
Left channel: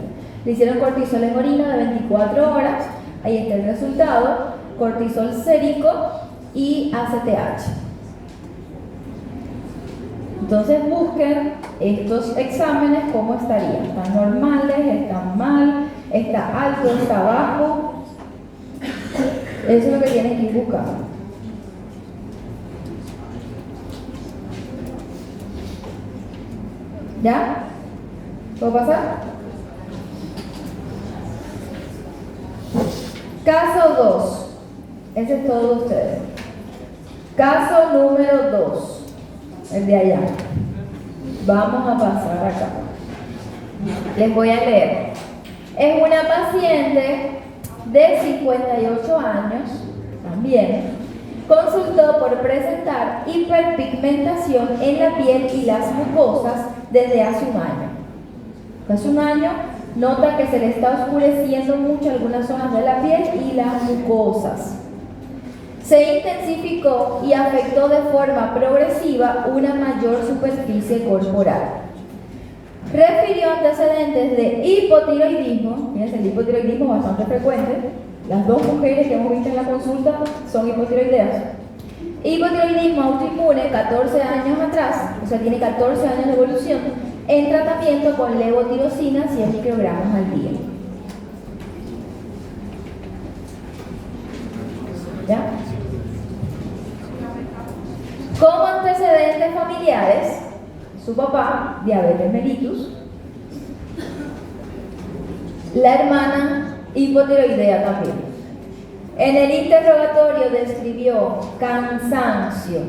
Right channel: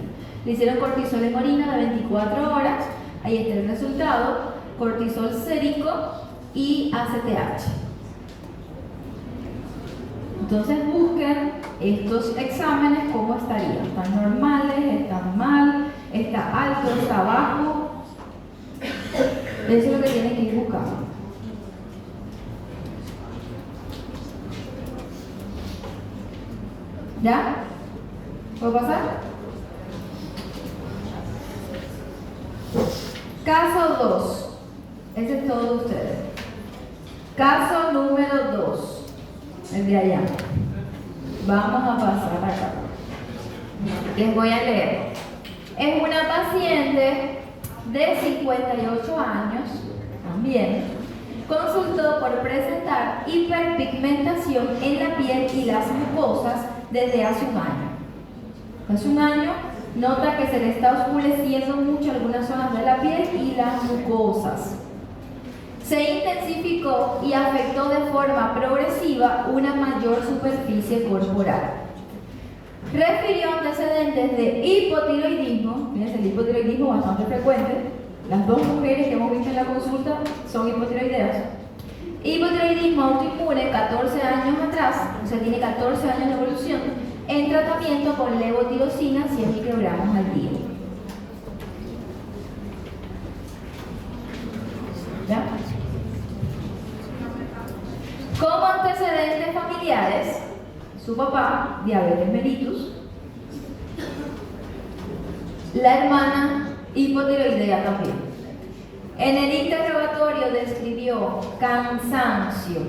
Le hicieron cortisol en orina de 24 horas, ahí está el resultado, cortisol sérico y ACTH. Entonces busquen estos exámenes cómo estarían. ¿Están normales? ¿Están mal? ¿Está alto? ¿Está bajo? Eso es lo que tienen que ir buscando. ¿Ya? ¿Puedo pasar? Caso 2. Ese es todo de ustedes. Caso número 2. El de allá. Vamos a pasar acá. Les voy a leer. Es una paciente de 58 años, también, consultó por presentar hiperpigmentación en la piel y las mucosas desde hace un año. Hace un año nota que se le está oscureciendo mucho algunas zonas de la piel y las mucosas. Se intensificó y afectó de forma progresiva una mayor superficie corporal. Refirió antecedentes de hipotiroidismo. Fíjense, el hipotiroidismo es bastante frecuente. Las dos mujeres que hemos visto en la consulta son hipotiroideas. Hipotiroidismo autoinmune 14 años atrás, o sea, tiene 14 años de evolución, en tratamiento con levotirosina 100 microgramos al día. ¿Ya? Como antecedentes familiares, su papá, diabetes mellitus, la hermana, hipotiroidea también. En el interrogatorio describió cansancio,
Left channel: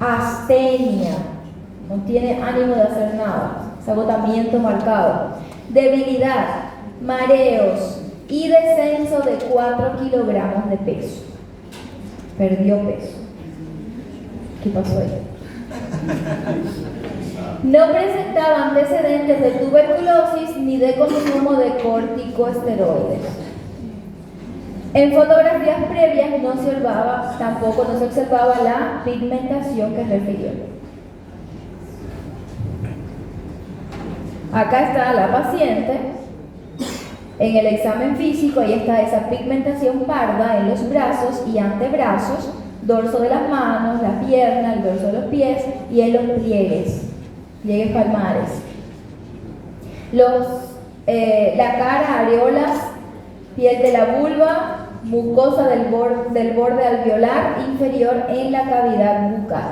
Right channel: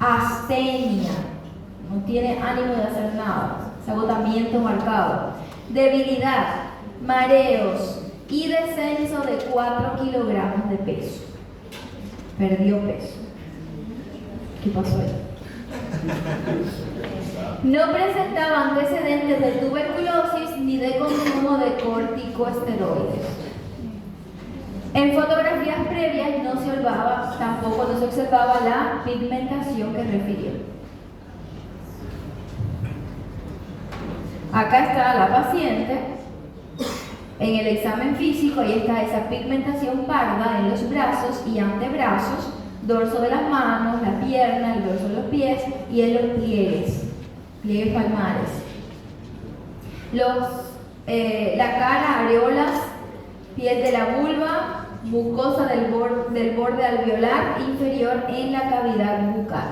astenia, no tiene ánimo de hacer nada, agotamiento marcado, debilidad, mareos y descenso de 4 kilogramos de peso. Perdió peso. ¿Qué pasó ahí? No presentaba antecedentes de tuberculosis ni de consumo de corticosteroides. En fotografías previas tampoco no se observaba la pigmentación que refirió. Acá está la paciente. En el examen físico, ahí está esa pigmentación parda en los brazos y antebrazos, dorso de las manos, la pierna, el dorso de los pies y en los pliegues palmares. La cara, areolas, piel de la vulva, mucosa del borde alveolar inferior en la cavidad bucal.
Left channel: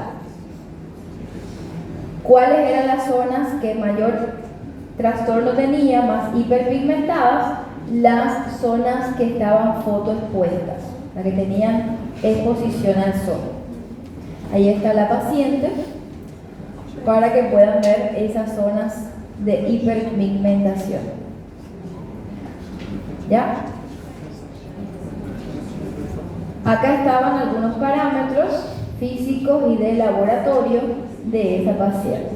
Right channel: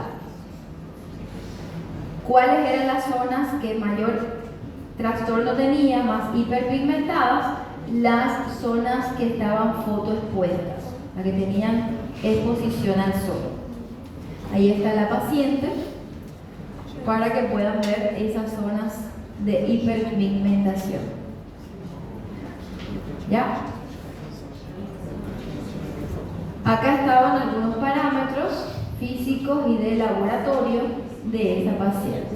¿Cuáles eran las zonas que mayor trastorno tenía, más hiperpigmentadas? Las zonas que estaban fotoexpuestas, las que tenían exposición al sol. Ahí está la paciente para que puedan ver esas zonas de hiperpigmentación. ¿Ya? Acá estaban algunos parámetros físicos y de laboratorio de esa paciente.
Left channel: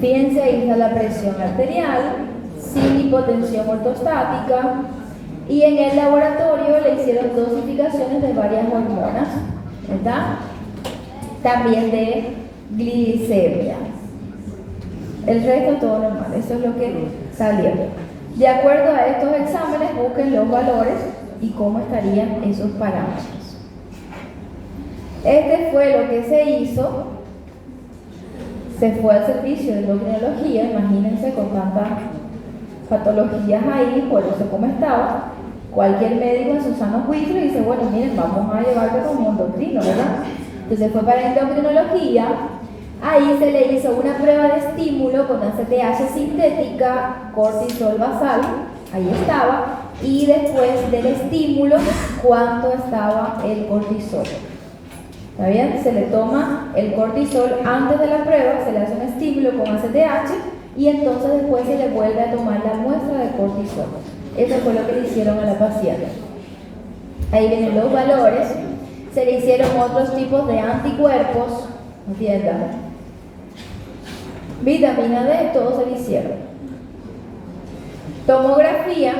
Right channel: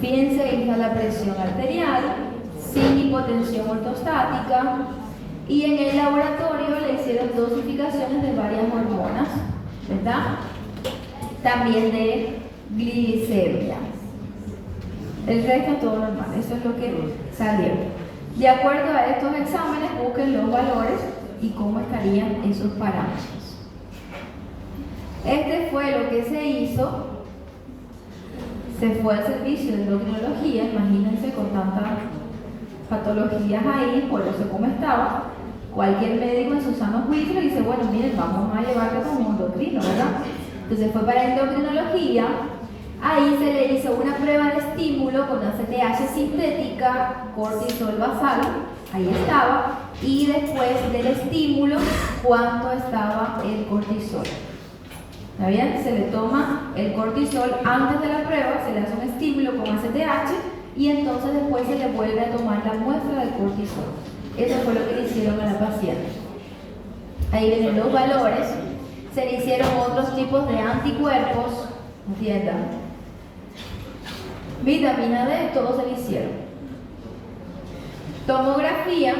Fíjense, ahí está la presión arterial, sin hipotensión ortostática, y en el laboratorio le hicieron dosificaciones de varias hormonas, ¿verdad? También de glicemia. El resto todo normal, eso es lo que salió. De acuerdo a estos exámenes, busquen los valores y cómo estarían esos parámetros. Este fue lo que se hizo. Se fue al servicio de endocrinología, imagínense con tantas patologías ahí, por eso cómo estaba. Cualquier médico en su sano juicio dice, bueno, miren, vamos a llevarlo como endocrino, ¿verdad? Entonces fue para endocrinología. Ahí se le hizo una prueba de estímulo con ACTH sintética, cortisol basal, ahí estaba, y después del estímulo, cuánto estaba el cortisol. ¿Está bien? Se le toma el cortisol antes de la prueba, se le hace un estímulo con ACTH y entonces después se le vuelve a tomar la muestra de cortisol. Eso fue lo que le hicieron a la paciente. Ahí vienen los valores. Se le hicieron otros tipos de anticuerpos, entiendan. Vitamina D, todo se le hicieron. Tomografía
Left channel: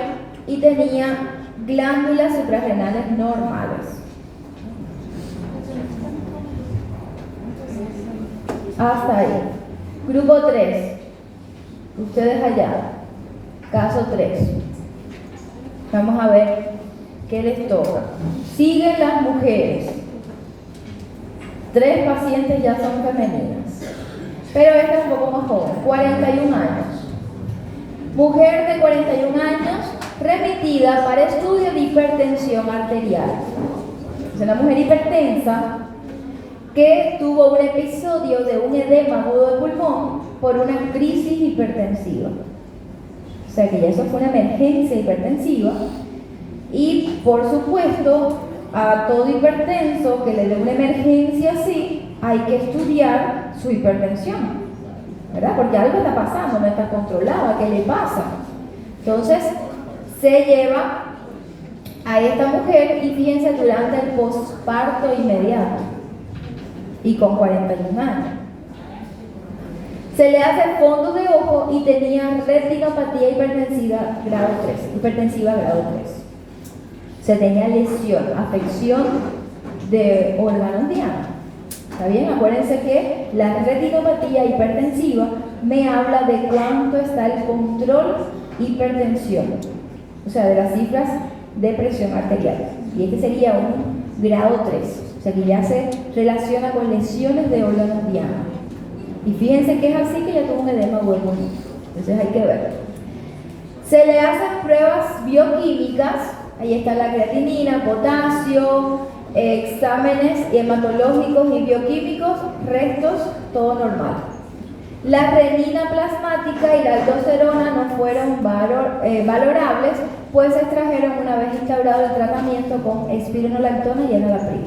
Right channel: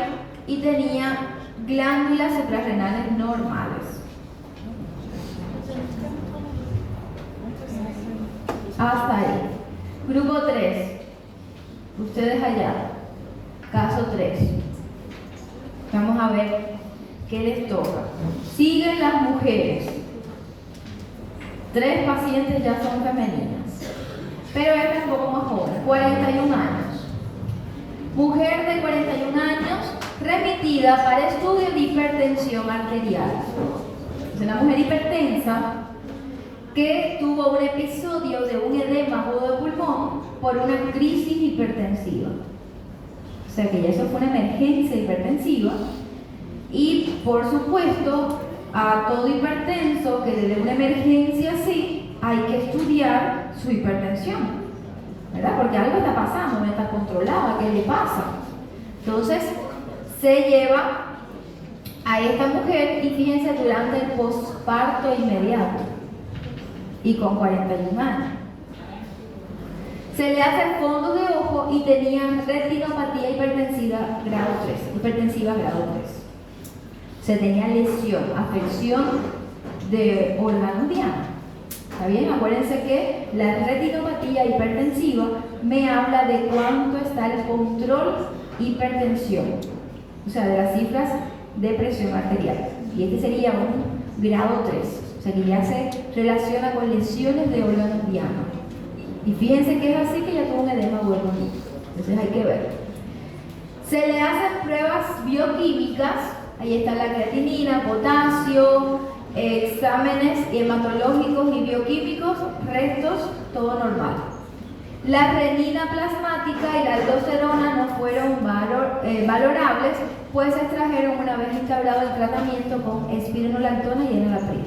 y tenía glándulas suprarrenales normales. Hasta ahí. Grupo 3. Ustedes allá. Caso 3. Vamos a ver qué les toca. Siguen las mujeres. 3 pacientes ya son femeninas, pero esta es un poco más joven, 41 años. Mujer de 41 años remitida para estudio de hipertensión arterial. Es una mujer hipertensa que tuvo un episodio de un edema agudo de pulmón por una crisis hipertensiva. O sea que ya eso fue una emergencia hipertensiva. Y por supuesto, a todo hipertenso que le dé una emergencia así, hay que estudiar su hipertensión, ¿verdad? Porque algo está pasando, no está controlada, ¿qué le pasa? Entonces, se lleva a esta mujer y fíjense durante el posparto inmediato y con 41 años. Se le hace fondos de ojo y tenía retinopatía hipertensiva grado 3. Se tenía lesión, afección de órganos diana. ¿Está bien? Acuérdense que la retinopatía hipertensiva me habla de cuánto está el control hipertensión, o sea, de las cifras de presión arterial. Y este sería un grado 3, o sea que ya se relaciona con lesiones de órganos diana. Y fíjense que es así que ya tuvo un edema muy bonito. Entonces hay que ver. Se le hacen pruebas bioquímicas. Ahí está la creatinina, potasio, exámenes hematológicos y bioquímicos, restos, todo normal. La renina plasmática y la aldosterona no fueron valorables, pues se extrajeron una vez instaurado el tratamiento con espironolactona y enalapril.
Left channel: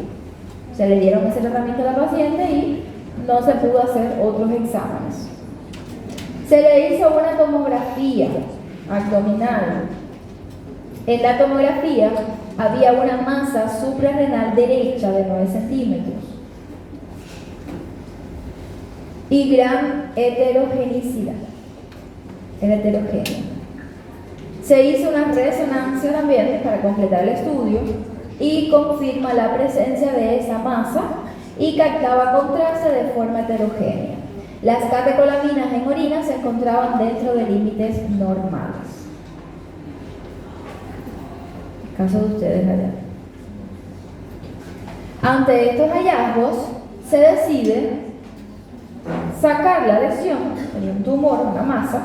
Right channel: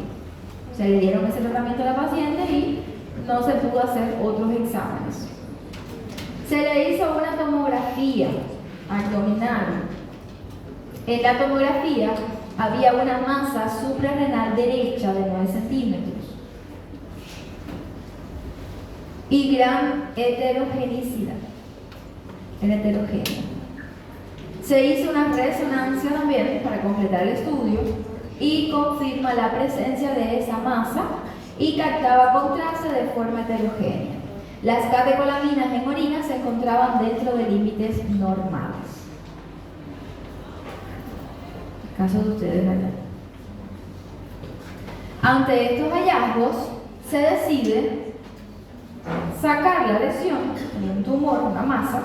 Se le dieron ese tratamiento a la paciente y no se pudo hacer otros exámenes. Se le hizo una tomografía abdominal. En la tomografía había una masa suprarrenal derecha de 9 centímetros y gran heterogeneidad. Era heterogénea. Se hizo una resonancia también para completar el estudio y confirma la presencia de esa masa y captaba contraste de forma heterogénea. Las catecolaminas en orina se encontraban dentro de límites normales. Caso de ustedes allá. Ante estos hallazgos, se decide sacar la lesión, un tumor, una masa,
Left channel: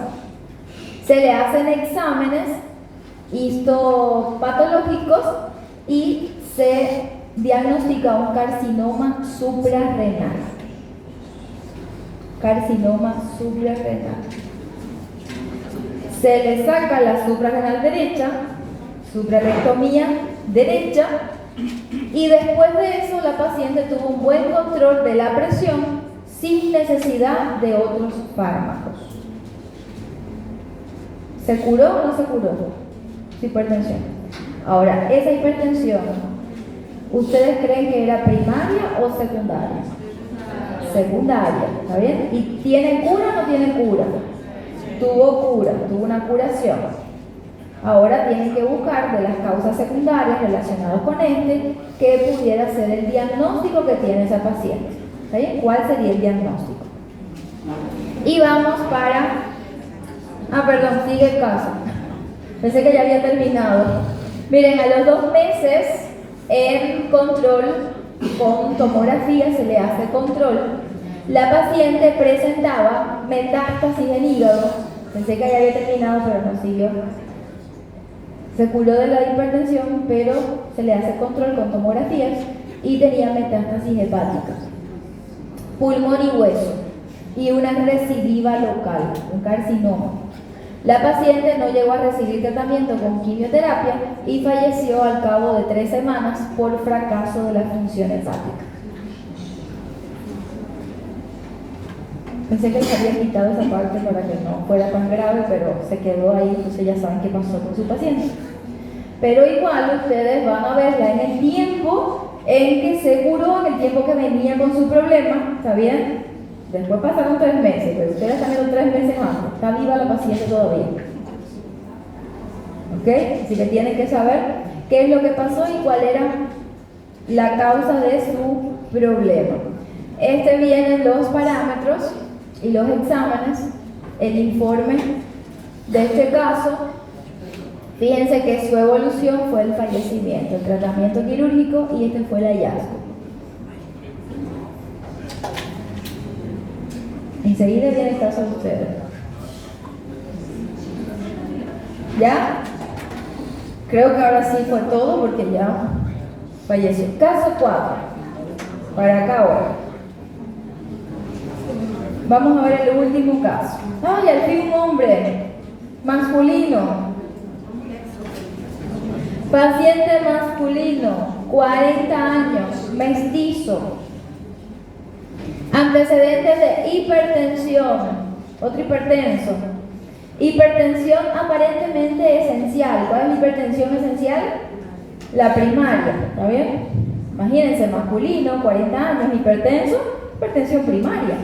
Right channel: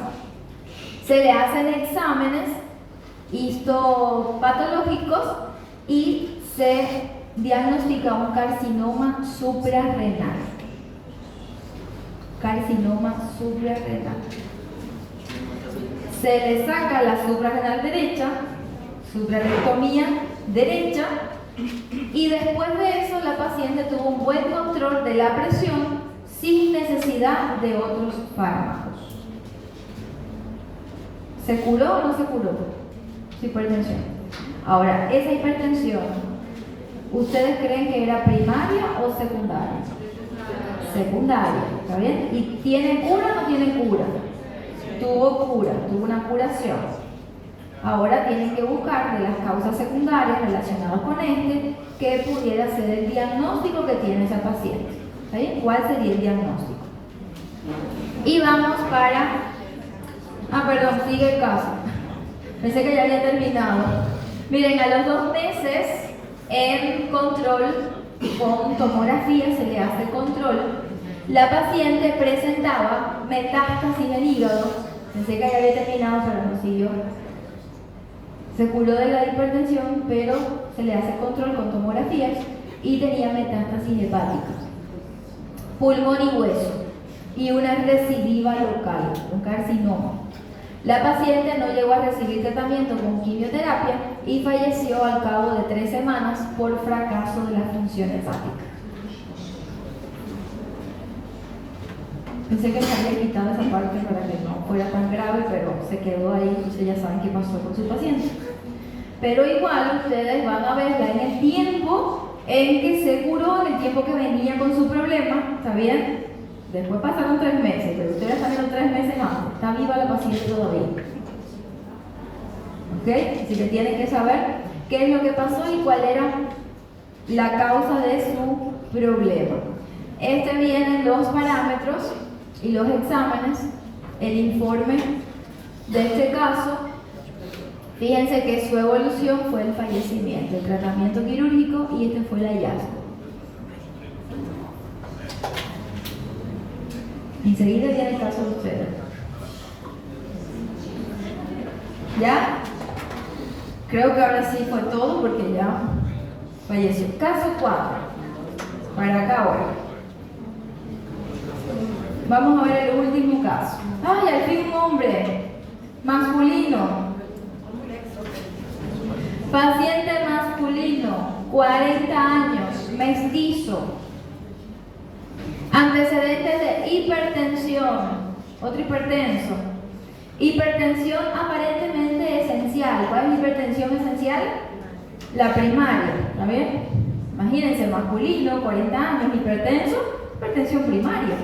se le hacen exámenes histopatológicos y se diagnostica un carcinoma suprarrenal. Carcinoma suprarrenal. Se le saca la suprarrenal derecha, suprarectomía derecha, y después de eso la paciente tuvo un buen control de la presión sin necesidad de otros fármacos. ¿Se curó o no se curó su hipertensión? Ahora, esa hipertensión, ¿ustedes creen que era primaria o secundaria? Secundaria, ¿está bien? ¿Y tiene cura o no tiene cura? Tuvo cura, tuvo una curación. Ahora tienen que buscar de las causas secundarias relacionadas con que pudiera ser el diagnóstico que tiene esa paciente. ¿Está bien? ¿Cuál sería el diagnóstico? Y vamos para... perdón, sigue el caso. Pensé que ya había terminado. Miren, a los 2 meses en control con tomografía se le hace control. La paciente presentaba metástasis en el hígado. Pensé que ya había terminado, pero no siguió. Se curó de la hipertensión, pero se le hace control con tomografías y tenía metástasis hepática, pulmón y hueso y una recidiva local, un carcinoma. La paciente no llegó a recibir tratamiento con quimioterapia y falleció al cabo de 3 semanas por fracaso de la función hepática. Pensé que se había quitado esa parte para que no fuera tan grave, pero se quedó ahí, entonces ya saben qué pasó con su paciente. pero igual ustedes van a ver en el tiempo en que se curó, en el tiempo que venía con su problema, ¿está bien? Después pasaron 3 meses, pero ustedes están viendo 3 meses antes, está viva la paciente todavía. ¿Ok? Así que tienen que saber qué es lo que pasó y cuál era la causa de su problema. Vienen los parámetros y los exámenes, el informe de este caso. Fíjense que su evolución fue el fallecimiento, el tratamiento quirúrgico y este fue el hallazgo. Enseguida viene el caso de ustedes. ¿Ya? Creo que ahora sí fue todo porque ya falleció. Caso 4. Para acá ahora. Vamos a ver el último caso. ¡Ay, al fin un hombre! Masculino. Paciente masculino, 40 años, mestizo. Antecedentes de hipertensión, otro hipertenso. Hipertensión aparentemente esencial. ¿Cuál es la hipertensión esencial? La primaria, ¿está bien? Imagínense, masculino, 40 años, hipertenso, hipertensión primaria.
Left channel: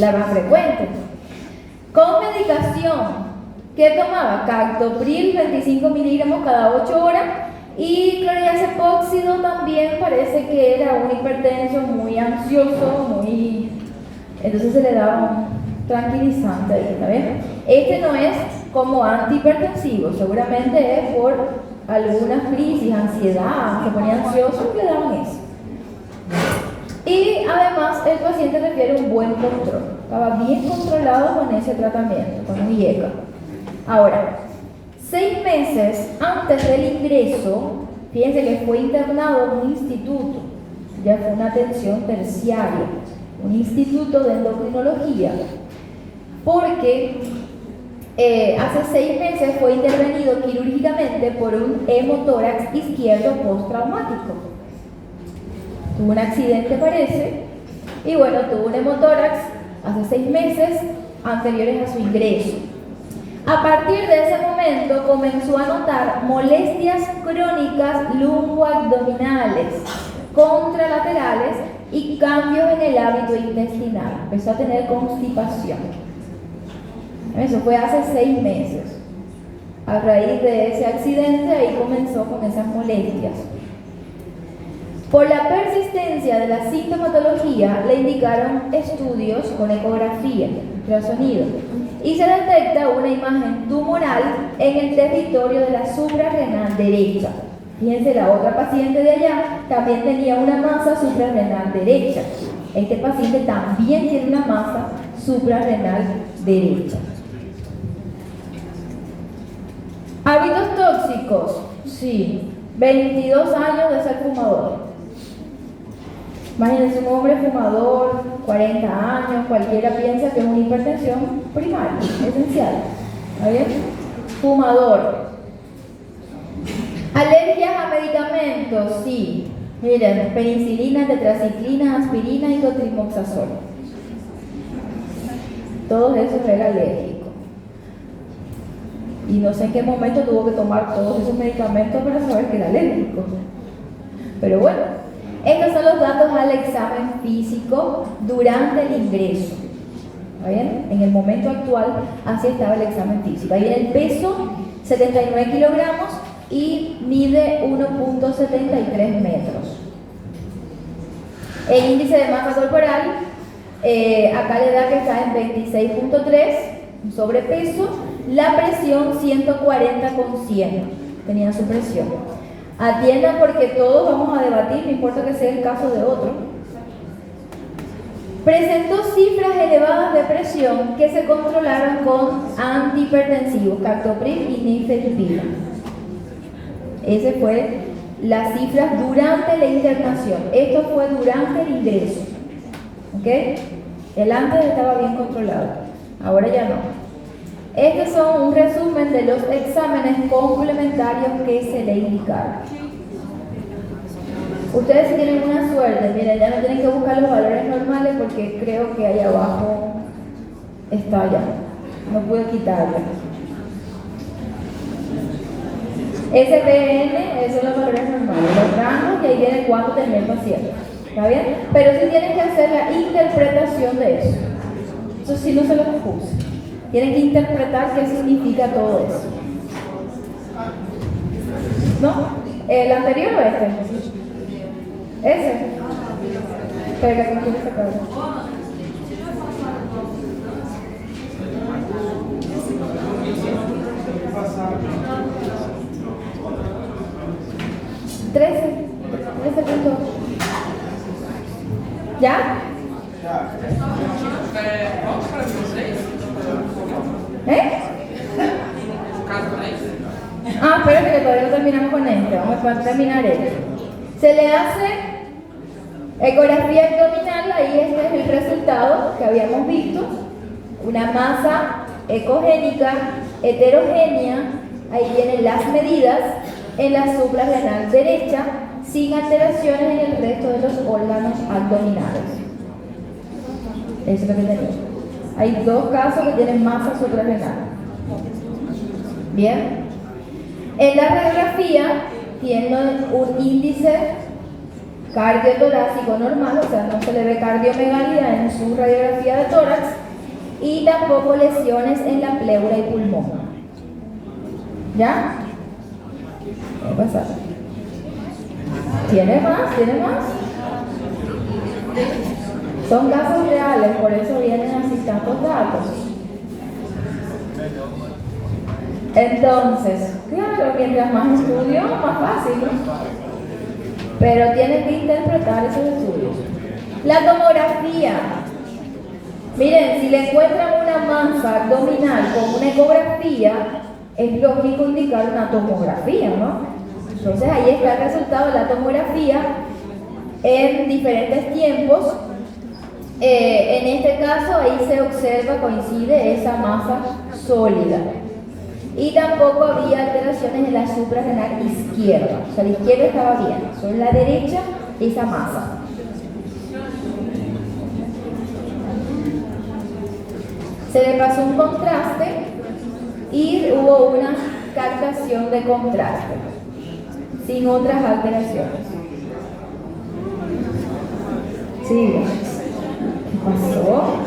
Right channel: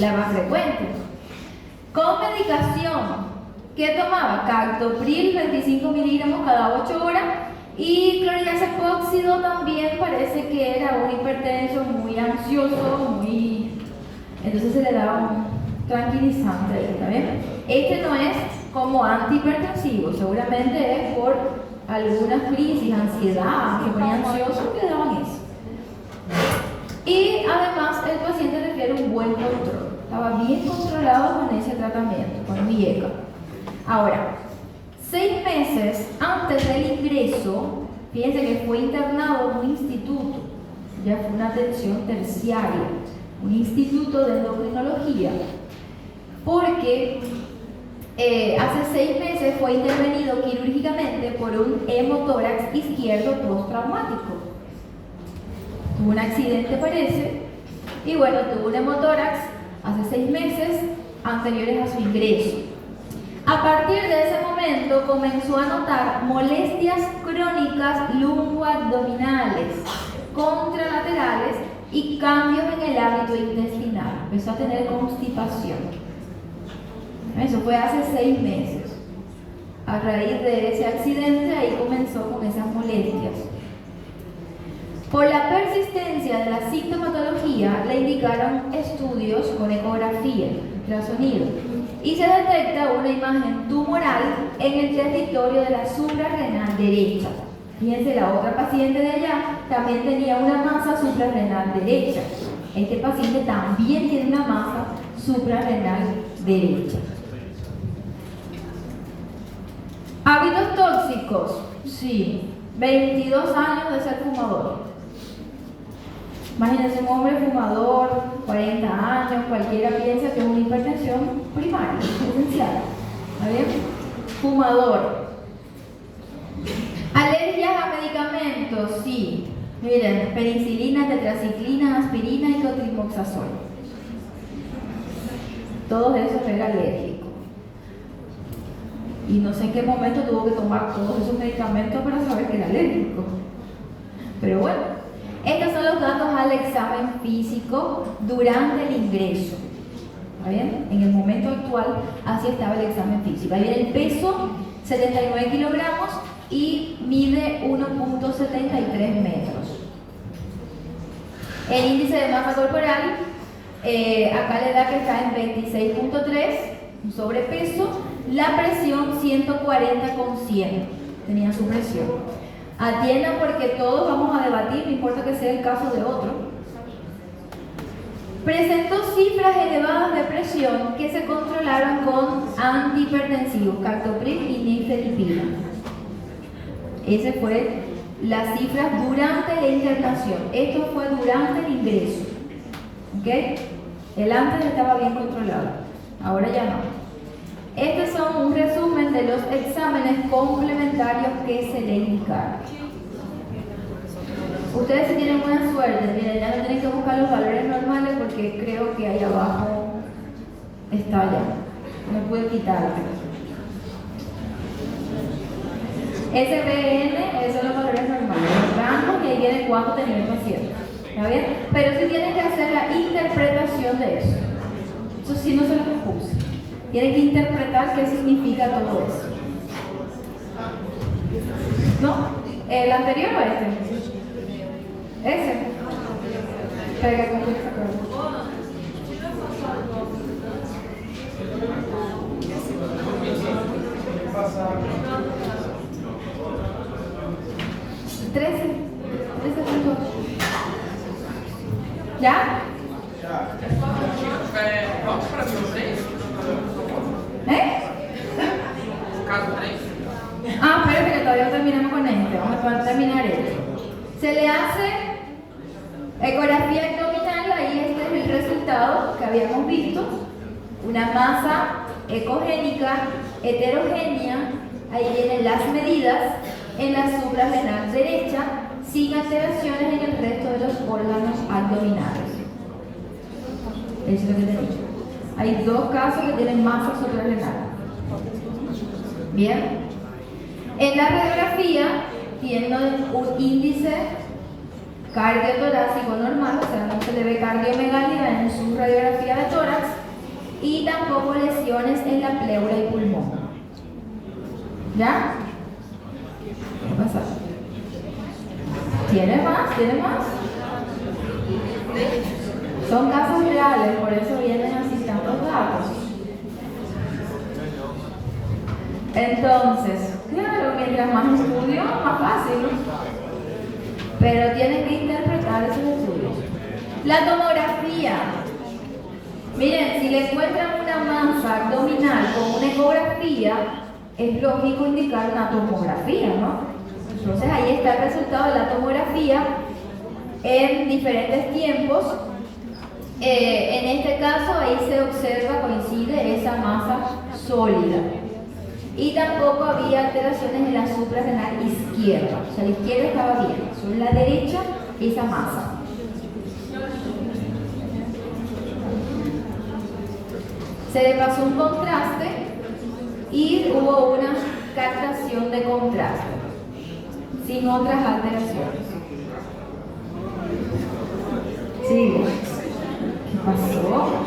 La más frecuente. Con medicación. ¿Qué tomaba? Captopril, 25 miligramos cada 8 horas. Y clordiazepóxido también parece que era un hipertenso muy ansioso, entonces se le daba un tranquilizante, ¿está bien? Este no es como antihipertensivo, seguramente es por algunas crisis, ansiedad, se ponía ansioso y le daban eso. Y además el paciente refiere un buen control, estaba bien controlado con ese tratamiento, con Vieca. Ahora, 6 meses antes del ingreso, fíjense que fue internado en un instituto, ya fue una atención terciaria, un instituto de endocrinología, porque hace 6 meses fue intervenido quirúrgicamente por un hemotórax izquierdo postraumático. Tuvo un accidente, parece, y bueno, tuvo un hemotórax hace 6 meses anteriores a su ingreso. A partir de ese momento comenzó a notar molestias crónicas lumboabdominales, contralaterales y cambios en el hábito intestinal. Empezó a tener constipación. Eso fue hace 6 meses. A raíz de ese accidente, ahí comenzó con esas molestias. Por la persistencia de la sintomatología, le indicaron estudios con ecografía, ultrasonido, y se detecta una imagen tumoral en el territorio de la suprarrenal derecha. Fíjense, la otra paciente de allá también tenía una masa suprarrenal derecha. Este paciente también tiene una masa suprarrenal derecha. Hábitos tóxicos, sí, 22 años de ser fumador. Imagínense un hombre fumador, 40 años, cualquiera piensa que es una hipertensión primaria, esencial. ¿Está bien? Fumador. Alergias a medicamentos, sí. Miren, penicilina, tetraciclina, aspirina y cotrimoxazol. Todos esos eran alérgicos. Y no sé en qué momento tuvo que tomar todos esos medicamentos para saber que era alérgico. Pero bueno. Estos son los datos al examen físico durante el ingreso. ¿Está bien? En el momento actual, así estaba el examen físico. Ahí viene el peso, 79 kilogramos y mide 1.73 metros. El índice de masa corporal, acá le da que está en 26.3, un sobrepeso. La presión 140/100, tenía su presión. Atiendan porque todos vamos a debatir, no importa que sea el caso de otro. Presentó cifras elevadas de presión que se controlaron con antihipertensivos, captopril y nifedipina. Esa fue las cifras durante la internación. Esto fue durante el ingreso. ¿Ok? El antes estaba bien controlado, ahora ya no. Estos son un resumen de los exámenes complementarios que se le indicaron. Ustedes si tienen buena suerte, miren, ya no tienen que buscar los valores normales porque creo que ahí abajo está ya. No puedo quitarlo. SPN, esos son los valores normales, los rangos, y ahí viene cuánto tenía el paciente. ¿Está bien? Pero sí tienen que hacer la interpretación de eso. Eso sí no se los puse. Tienen que interpretar qué significa todo eso. ¿No? ¿El anterior o este? Ese. Pero que con quién se acuerda. ¿Ya? Vamos para vocês? Caso 3. Espérate que todavía no terminamos con esto. Vamos a terminar esto. Se le hace ecografía abdominal, ahí este es el resultado que habíamos visto. Una masa ecogénica heterogénea, ahí vienen las medidas en la suprarrenal derecha, sin alteraciones en el resto de los órganos abdominales. Eso es lo que tenemos. Hay dos casos que tienen masa suprarrenal. Bien. En la radiografía tienen un índice cardiotorácico normal, o sea, no se le ve cardiomegalia en su radiografía de tórax, y tampoco lesiones en la pleura y pulmón. ¿Ya? ¿Qué pasa? ¿Tiene más? ¿Tiene más? Son casos reales, por eso vienen así tantos datos. Entonces, claro, mientras más estudio, más fácil, ¿no? Pero tienen que interpretar esos estudios. La tomografía. Miren, si le encuentran una masa abdominal con una ecografía, es lógico indicar una tomografía, ¿no? Entonces ahí está el resultado de la tomografía en diferentes tiempos. En este caso ahí se observa, coincide esa masa sólida. Y tampoco había alteraciones en la suprarrenal izquierda. O sea, la izquierda estaba bien, solo en la derecha esa masa. Se le pasó un contraste y hubo una captación de contraste, sin otras alteraciones. Sí. ¿Qué pasó?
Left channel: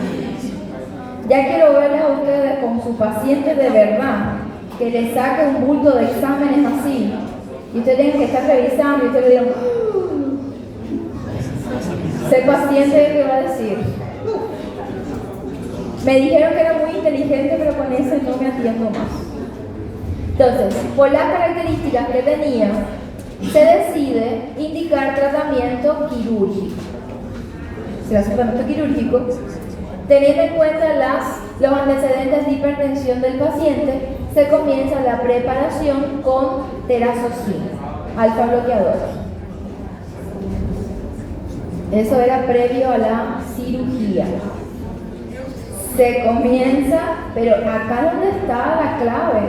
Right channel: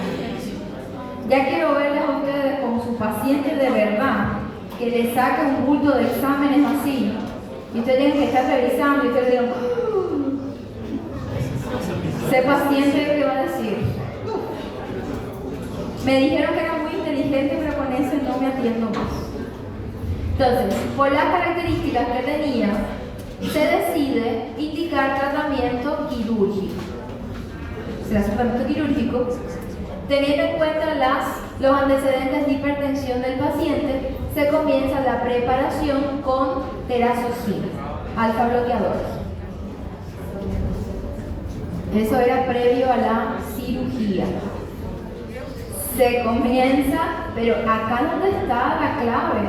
Ya quiero verlas a ustedes con su paciente de verdad, que le saque un bulto de exámenes así, y ustedes tienen que estar revisando y ustedes dirán, ese paciente, ¿qué va a decir? Me dijeron que era muy inteligente, pero con eso no me atiendo más. Entonces, por las características que tenía, se decide indicar tratamiento quirúrgico. Se hace tratamiento quirúrgico, teniendo en cuenta los antecedentes de hipertensión del paciente, se comienza la preparación con terazocina, alfa bloqueador. Eso era previo a la cirugía. Se comienza, pero acá donde está la clave.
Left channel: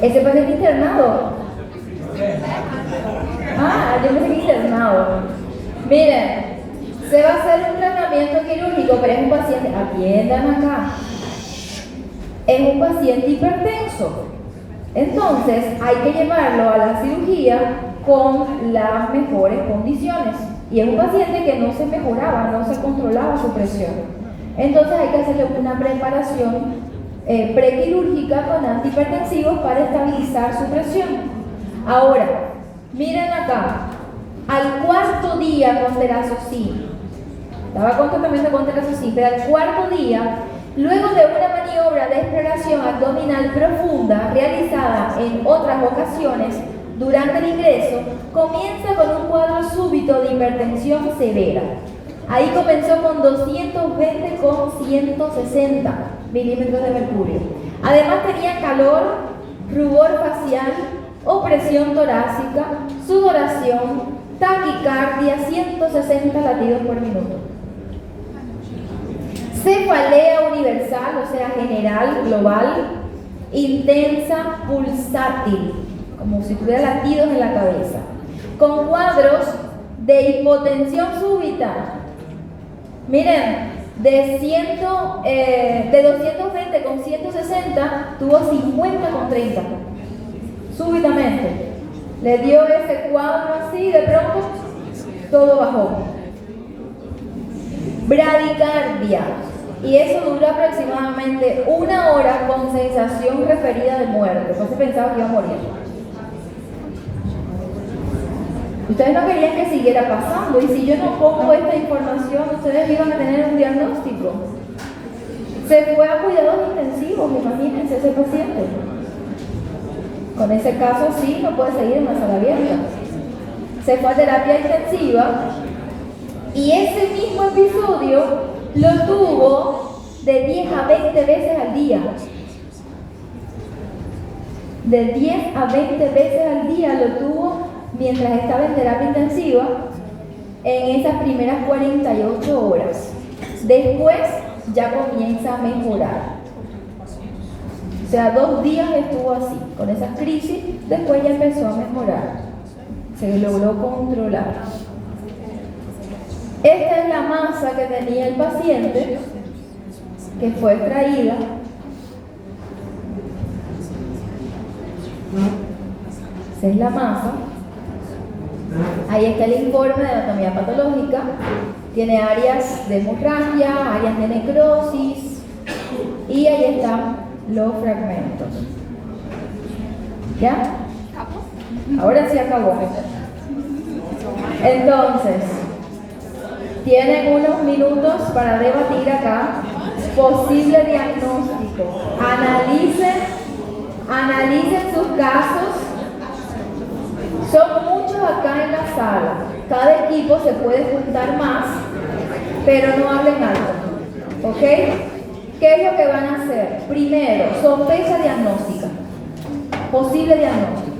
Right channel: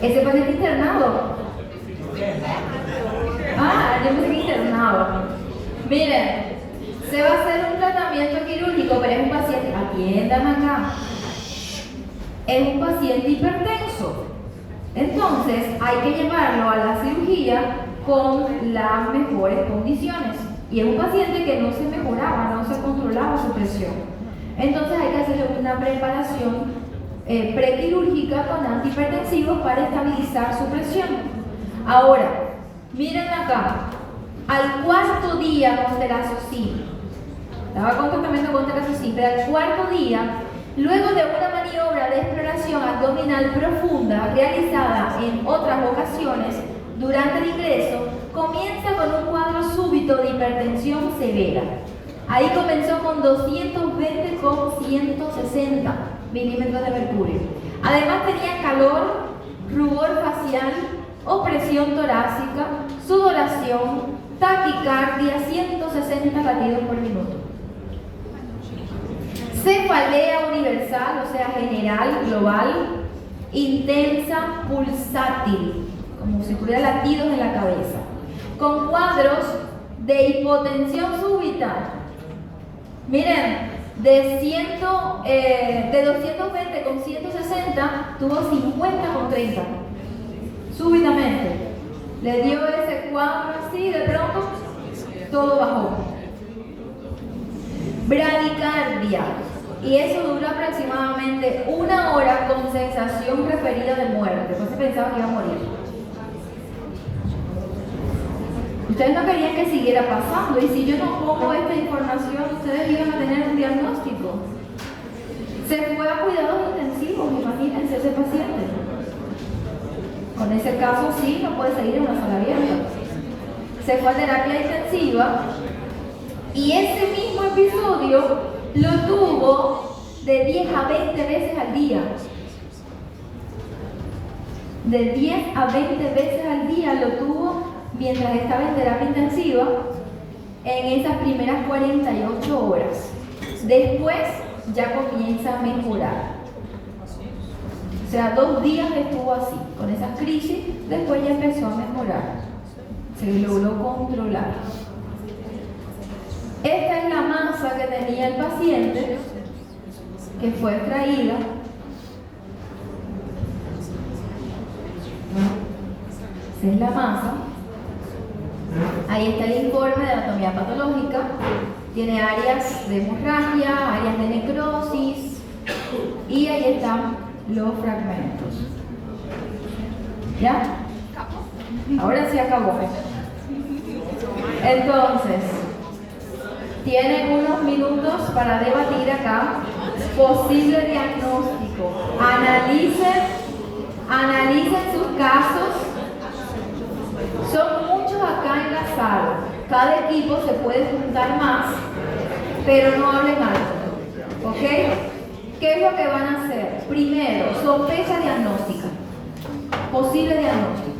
Ese paciente internado. Yo me estoy internado. Miren, se va a hacer un tratamiento quirúrgico, pero es un paciente, atiendan acá, es un paciente hipertenso. Entonces hay que llevarlo a la cirugía con las mejores condiciones. Y es un paciente que no se mejoraba, no se controlaba su presión. Entonces hay que hacerle una preparación prequirúrgica con antihipertensivos para estabilizar su presión. Ahora, miren acá, al cuarto día con terazocina, estaba con tratamiento con terazocina, pero al cuarto día, luego de una maniobra de exploración abdominal profunda realizada en otras ocasiones durante el ingreso, comienza con un cuadro súbito de hipertensión severa. Ahí comenzó con 220 con 160 milímetros de mercurio. Además tenía calor, rubor facial, opresión torácica, sudoración, taquicardia, 160 latidos por minuto. Cefalea universal, o sea, general, global, intensa, pulsátil, como si tuviera latidos en la cabeza, con cuadros de hipotensión súbita. Miren, de 220 paciente con 160 tuvo 50 con 30. Súbitamente. Le dio ese cuadro así y de pronto todo bajó. Bradicardia. Y eso duró aproximadamente 1 hora con sensación referida de muerte. Después se pensaba que iba a morir. Ustedes no querían que siguiera pasando. Y si yo no pongo esta información, ustedes iban a tener un diagnóstico. Se fue a cuidados intensivos, imagínense ese paciente. Con ese caso sí, no puede seguir en la sala abierta. Se fue a terapia intensiva y ese mismo episodio lo tuvo de 10 a 20 veces al día. De 10 a 20 veces al día lo tuvo mientras estaba en terapia intensiva en esas primeras 48 horas. Después ya comienza a mejorar. O sea, 2 días estuvo así, con esas crisis, después ya empezó a mejorar. Se logró controlar. Esta es la masa que tenía el paciente, que fue extraída. Esa es la masa. Ahí está el informe de anatomía patológica. Tiene áreas de hemorragia, áreas de necrosis, y ahí están los fragmentos. ¿Ya? Ahora sí acabó. Entonces, tienen unos minutos para debatir acá. Posible diagnóstico. Analicen sus casos. Son muchos acá en la sala. Cada equipo se puede juntar más, pero no hablen alto. ¿Ok? ¿Qué es lo que van a hacer? Primero, sospecha diagnóstica. Posible diagnóstico.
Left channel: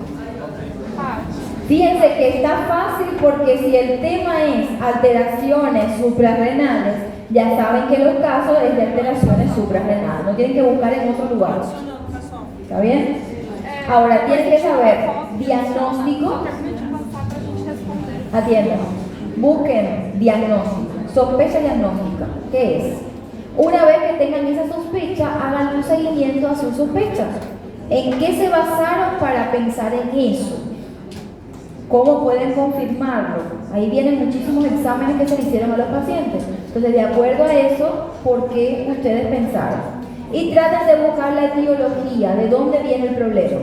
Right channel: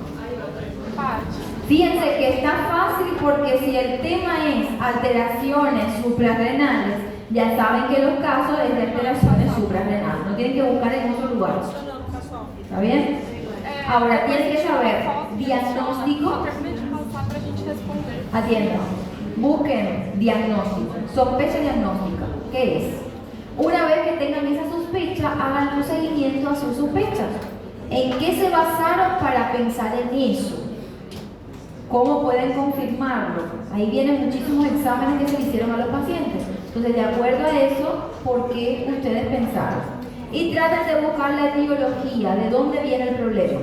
Fíjense que está fácil porque si el tema es alteraciones suprarrenales, ya saben que los casos es de alteraciones suprarrenales. No tienen que buscar en otro lugar. ¿Está bien? Ahora, tienen que saber diagnóstico. Atiendan. Busquen diagnóstico. Sospecha diagnóstica. ¿Qué es? Una vez que tengan esa sospecha, hagan un seguimiento a sus sospechas. ¿En qué se basaron para pensar en eso? ¿Cómo pueden confirmarlo? Ahí vienen muchísimos exámenes que se le hicieron a los pacientes. Entonces, de acuerdo a eso, ¿por qué ustedes pensaron? Y traten de buscar la etiología, de dónde viene el problema.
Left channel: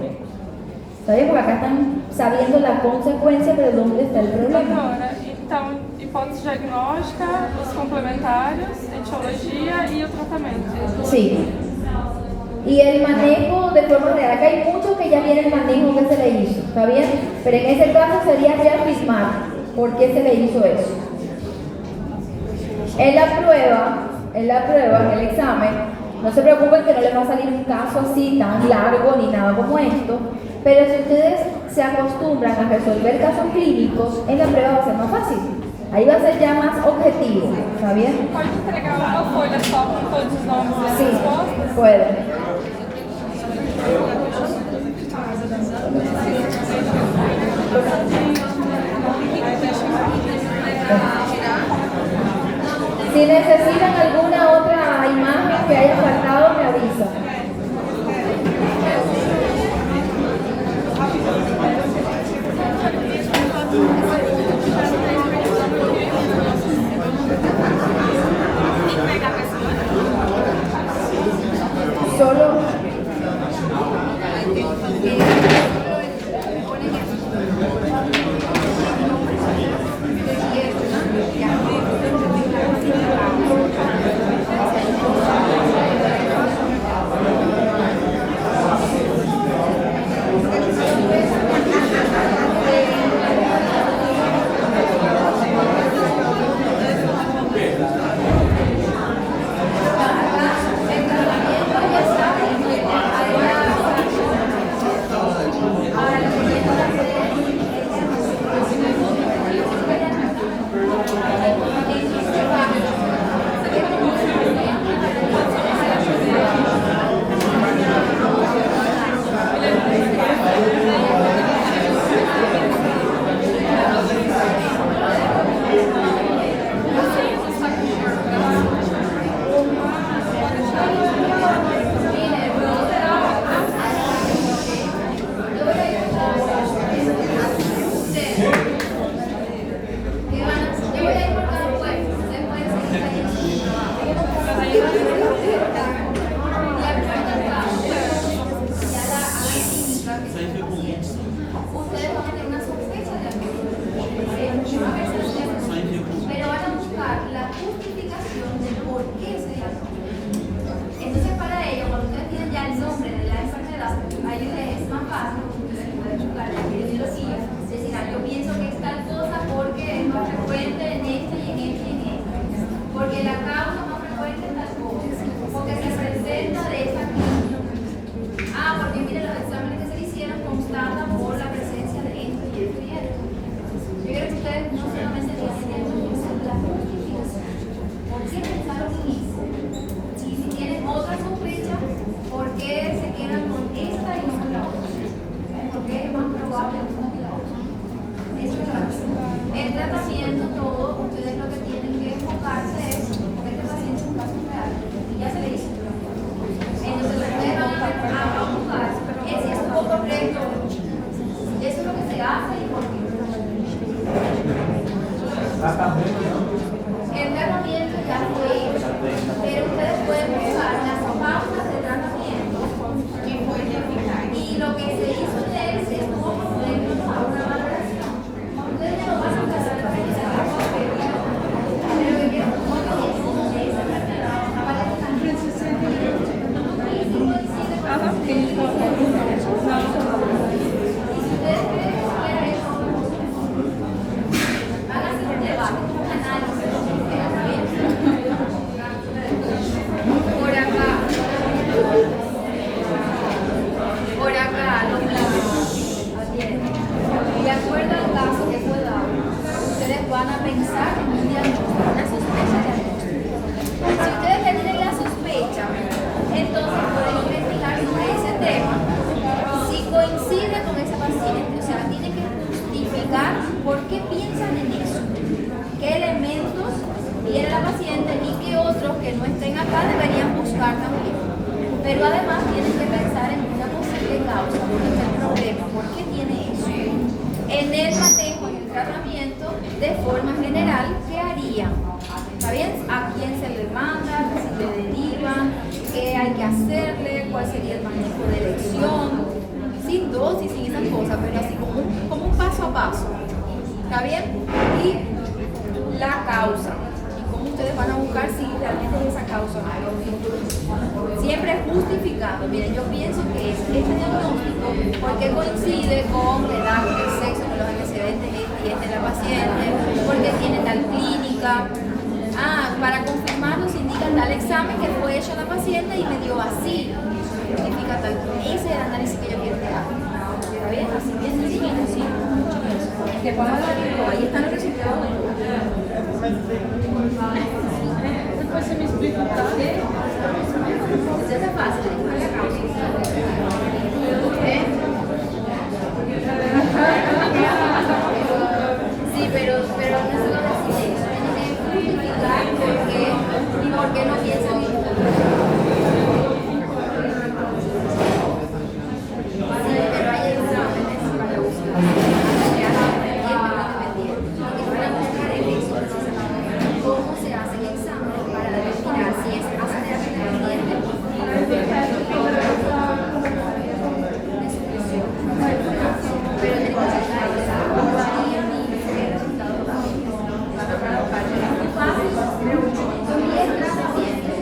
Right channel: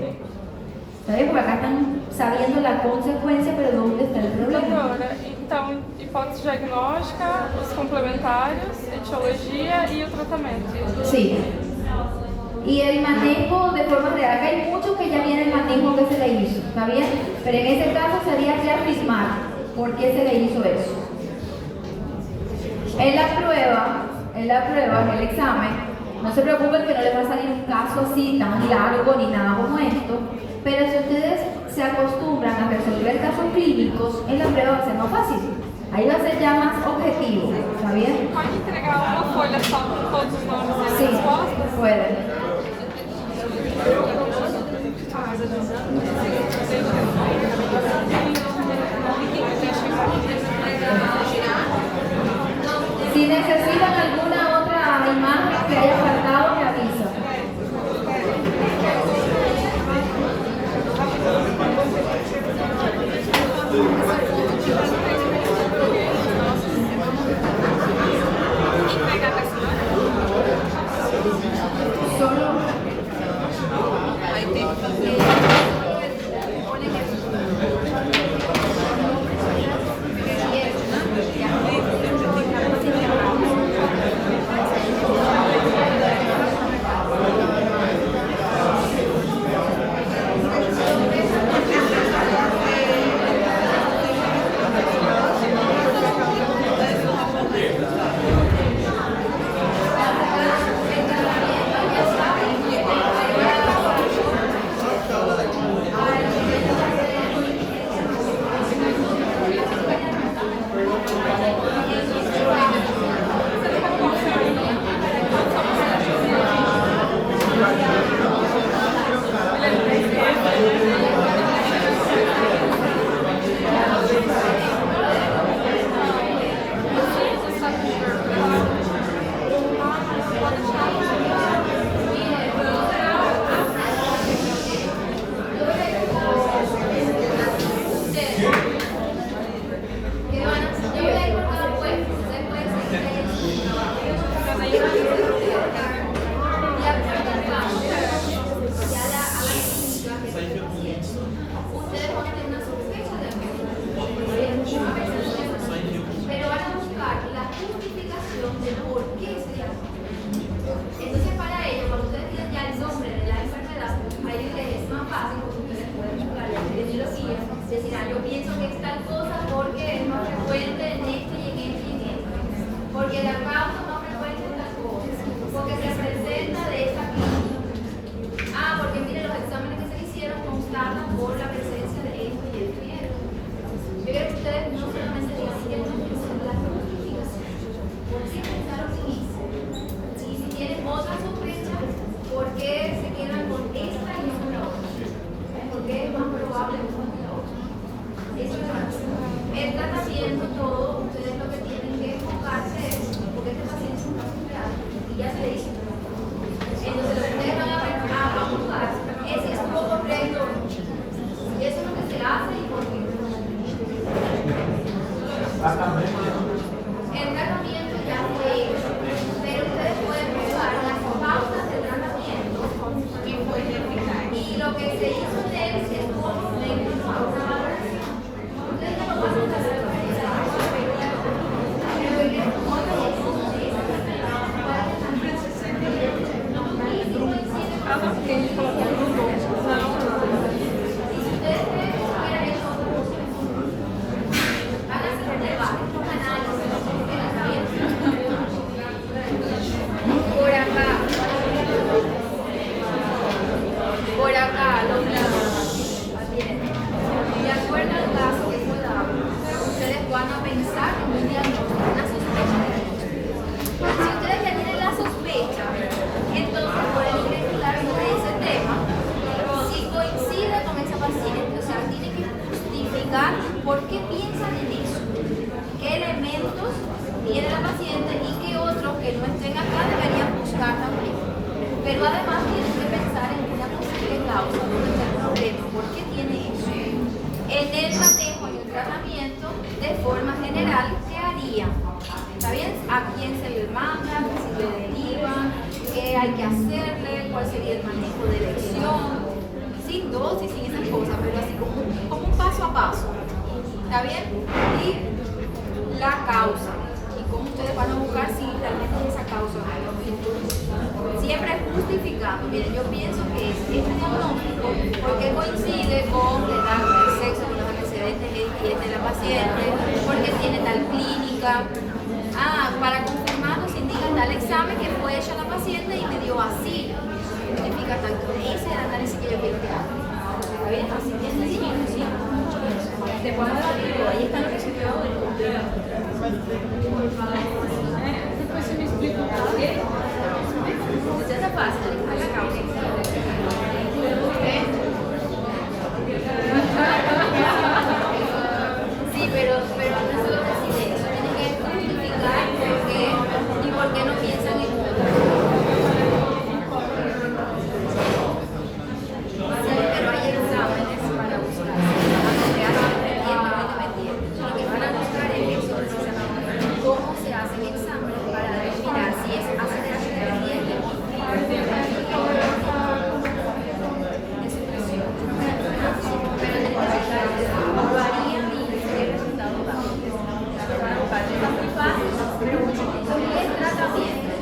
¿Saben? Porque acá están sabiendo la consecuencia, pero ¿dónde está el problema? Doutora, então, hipótese diagnóstica, os complementários, etiologia y el tratamiento. Sí. Y el manejo de forma real. Acá hay muchos que ya viene el manejo que se le hizo, ¿está bien? Pero en ese caso sería reafirmar por qué se le hizo eso. En la prueba, en el examen, no se preocupen que no les va a salir un caso así tan largo ni nada como esto, pero si ustedes se acostumbran a resolver casos clínicos, en la prueba va a ser más fácil. Ahí va a ser ya más objetivo, ¿está bien? Pode entregar uma folha só com todos os nomes e as Sí, respostas? pueden. Si necesitan alguna otra imagen que haya faltado, me avisa. Solo Siempre justificando. Miren, yo pienso que este diagnóstico, porque coincide con el acto del sexo, con los antecedentes de la paciente, porque tiene tal clínica. Para confirmar nos indican tal examen que fue hecho a la paciente y me dio así. Significa tal. Ese es el análisis que yo quiero que haga. ¿Está bien? Así es sencillo, sí. Te pongo la digo, ahí están los resultados. Después se me explica. Eso es fácil. Sí, pero no es así de eso. Tienen que justificar por qué y por qué no piensan igual. Sí, pero hay exámenes para buscar. Lo que van a buscar es eso, precisamente. ¿Cómo se hacen exámenes para determinar si es ácido ingrediente o no? Pero en el resultado varía y el resultado da. Es muy fácil, pero es tratamiento.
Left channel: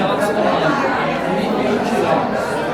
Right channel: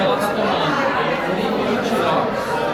Ela tá tomando 20 horas.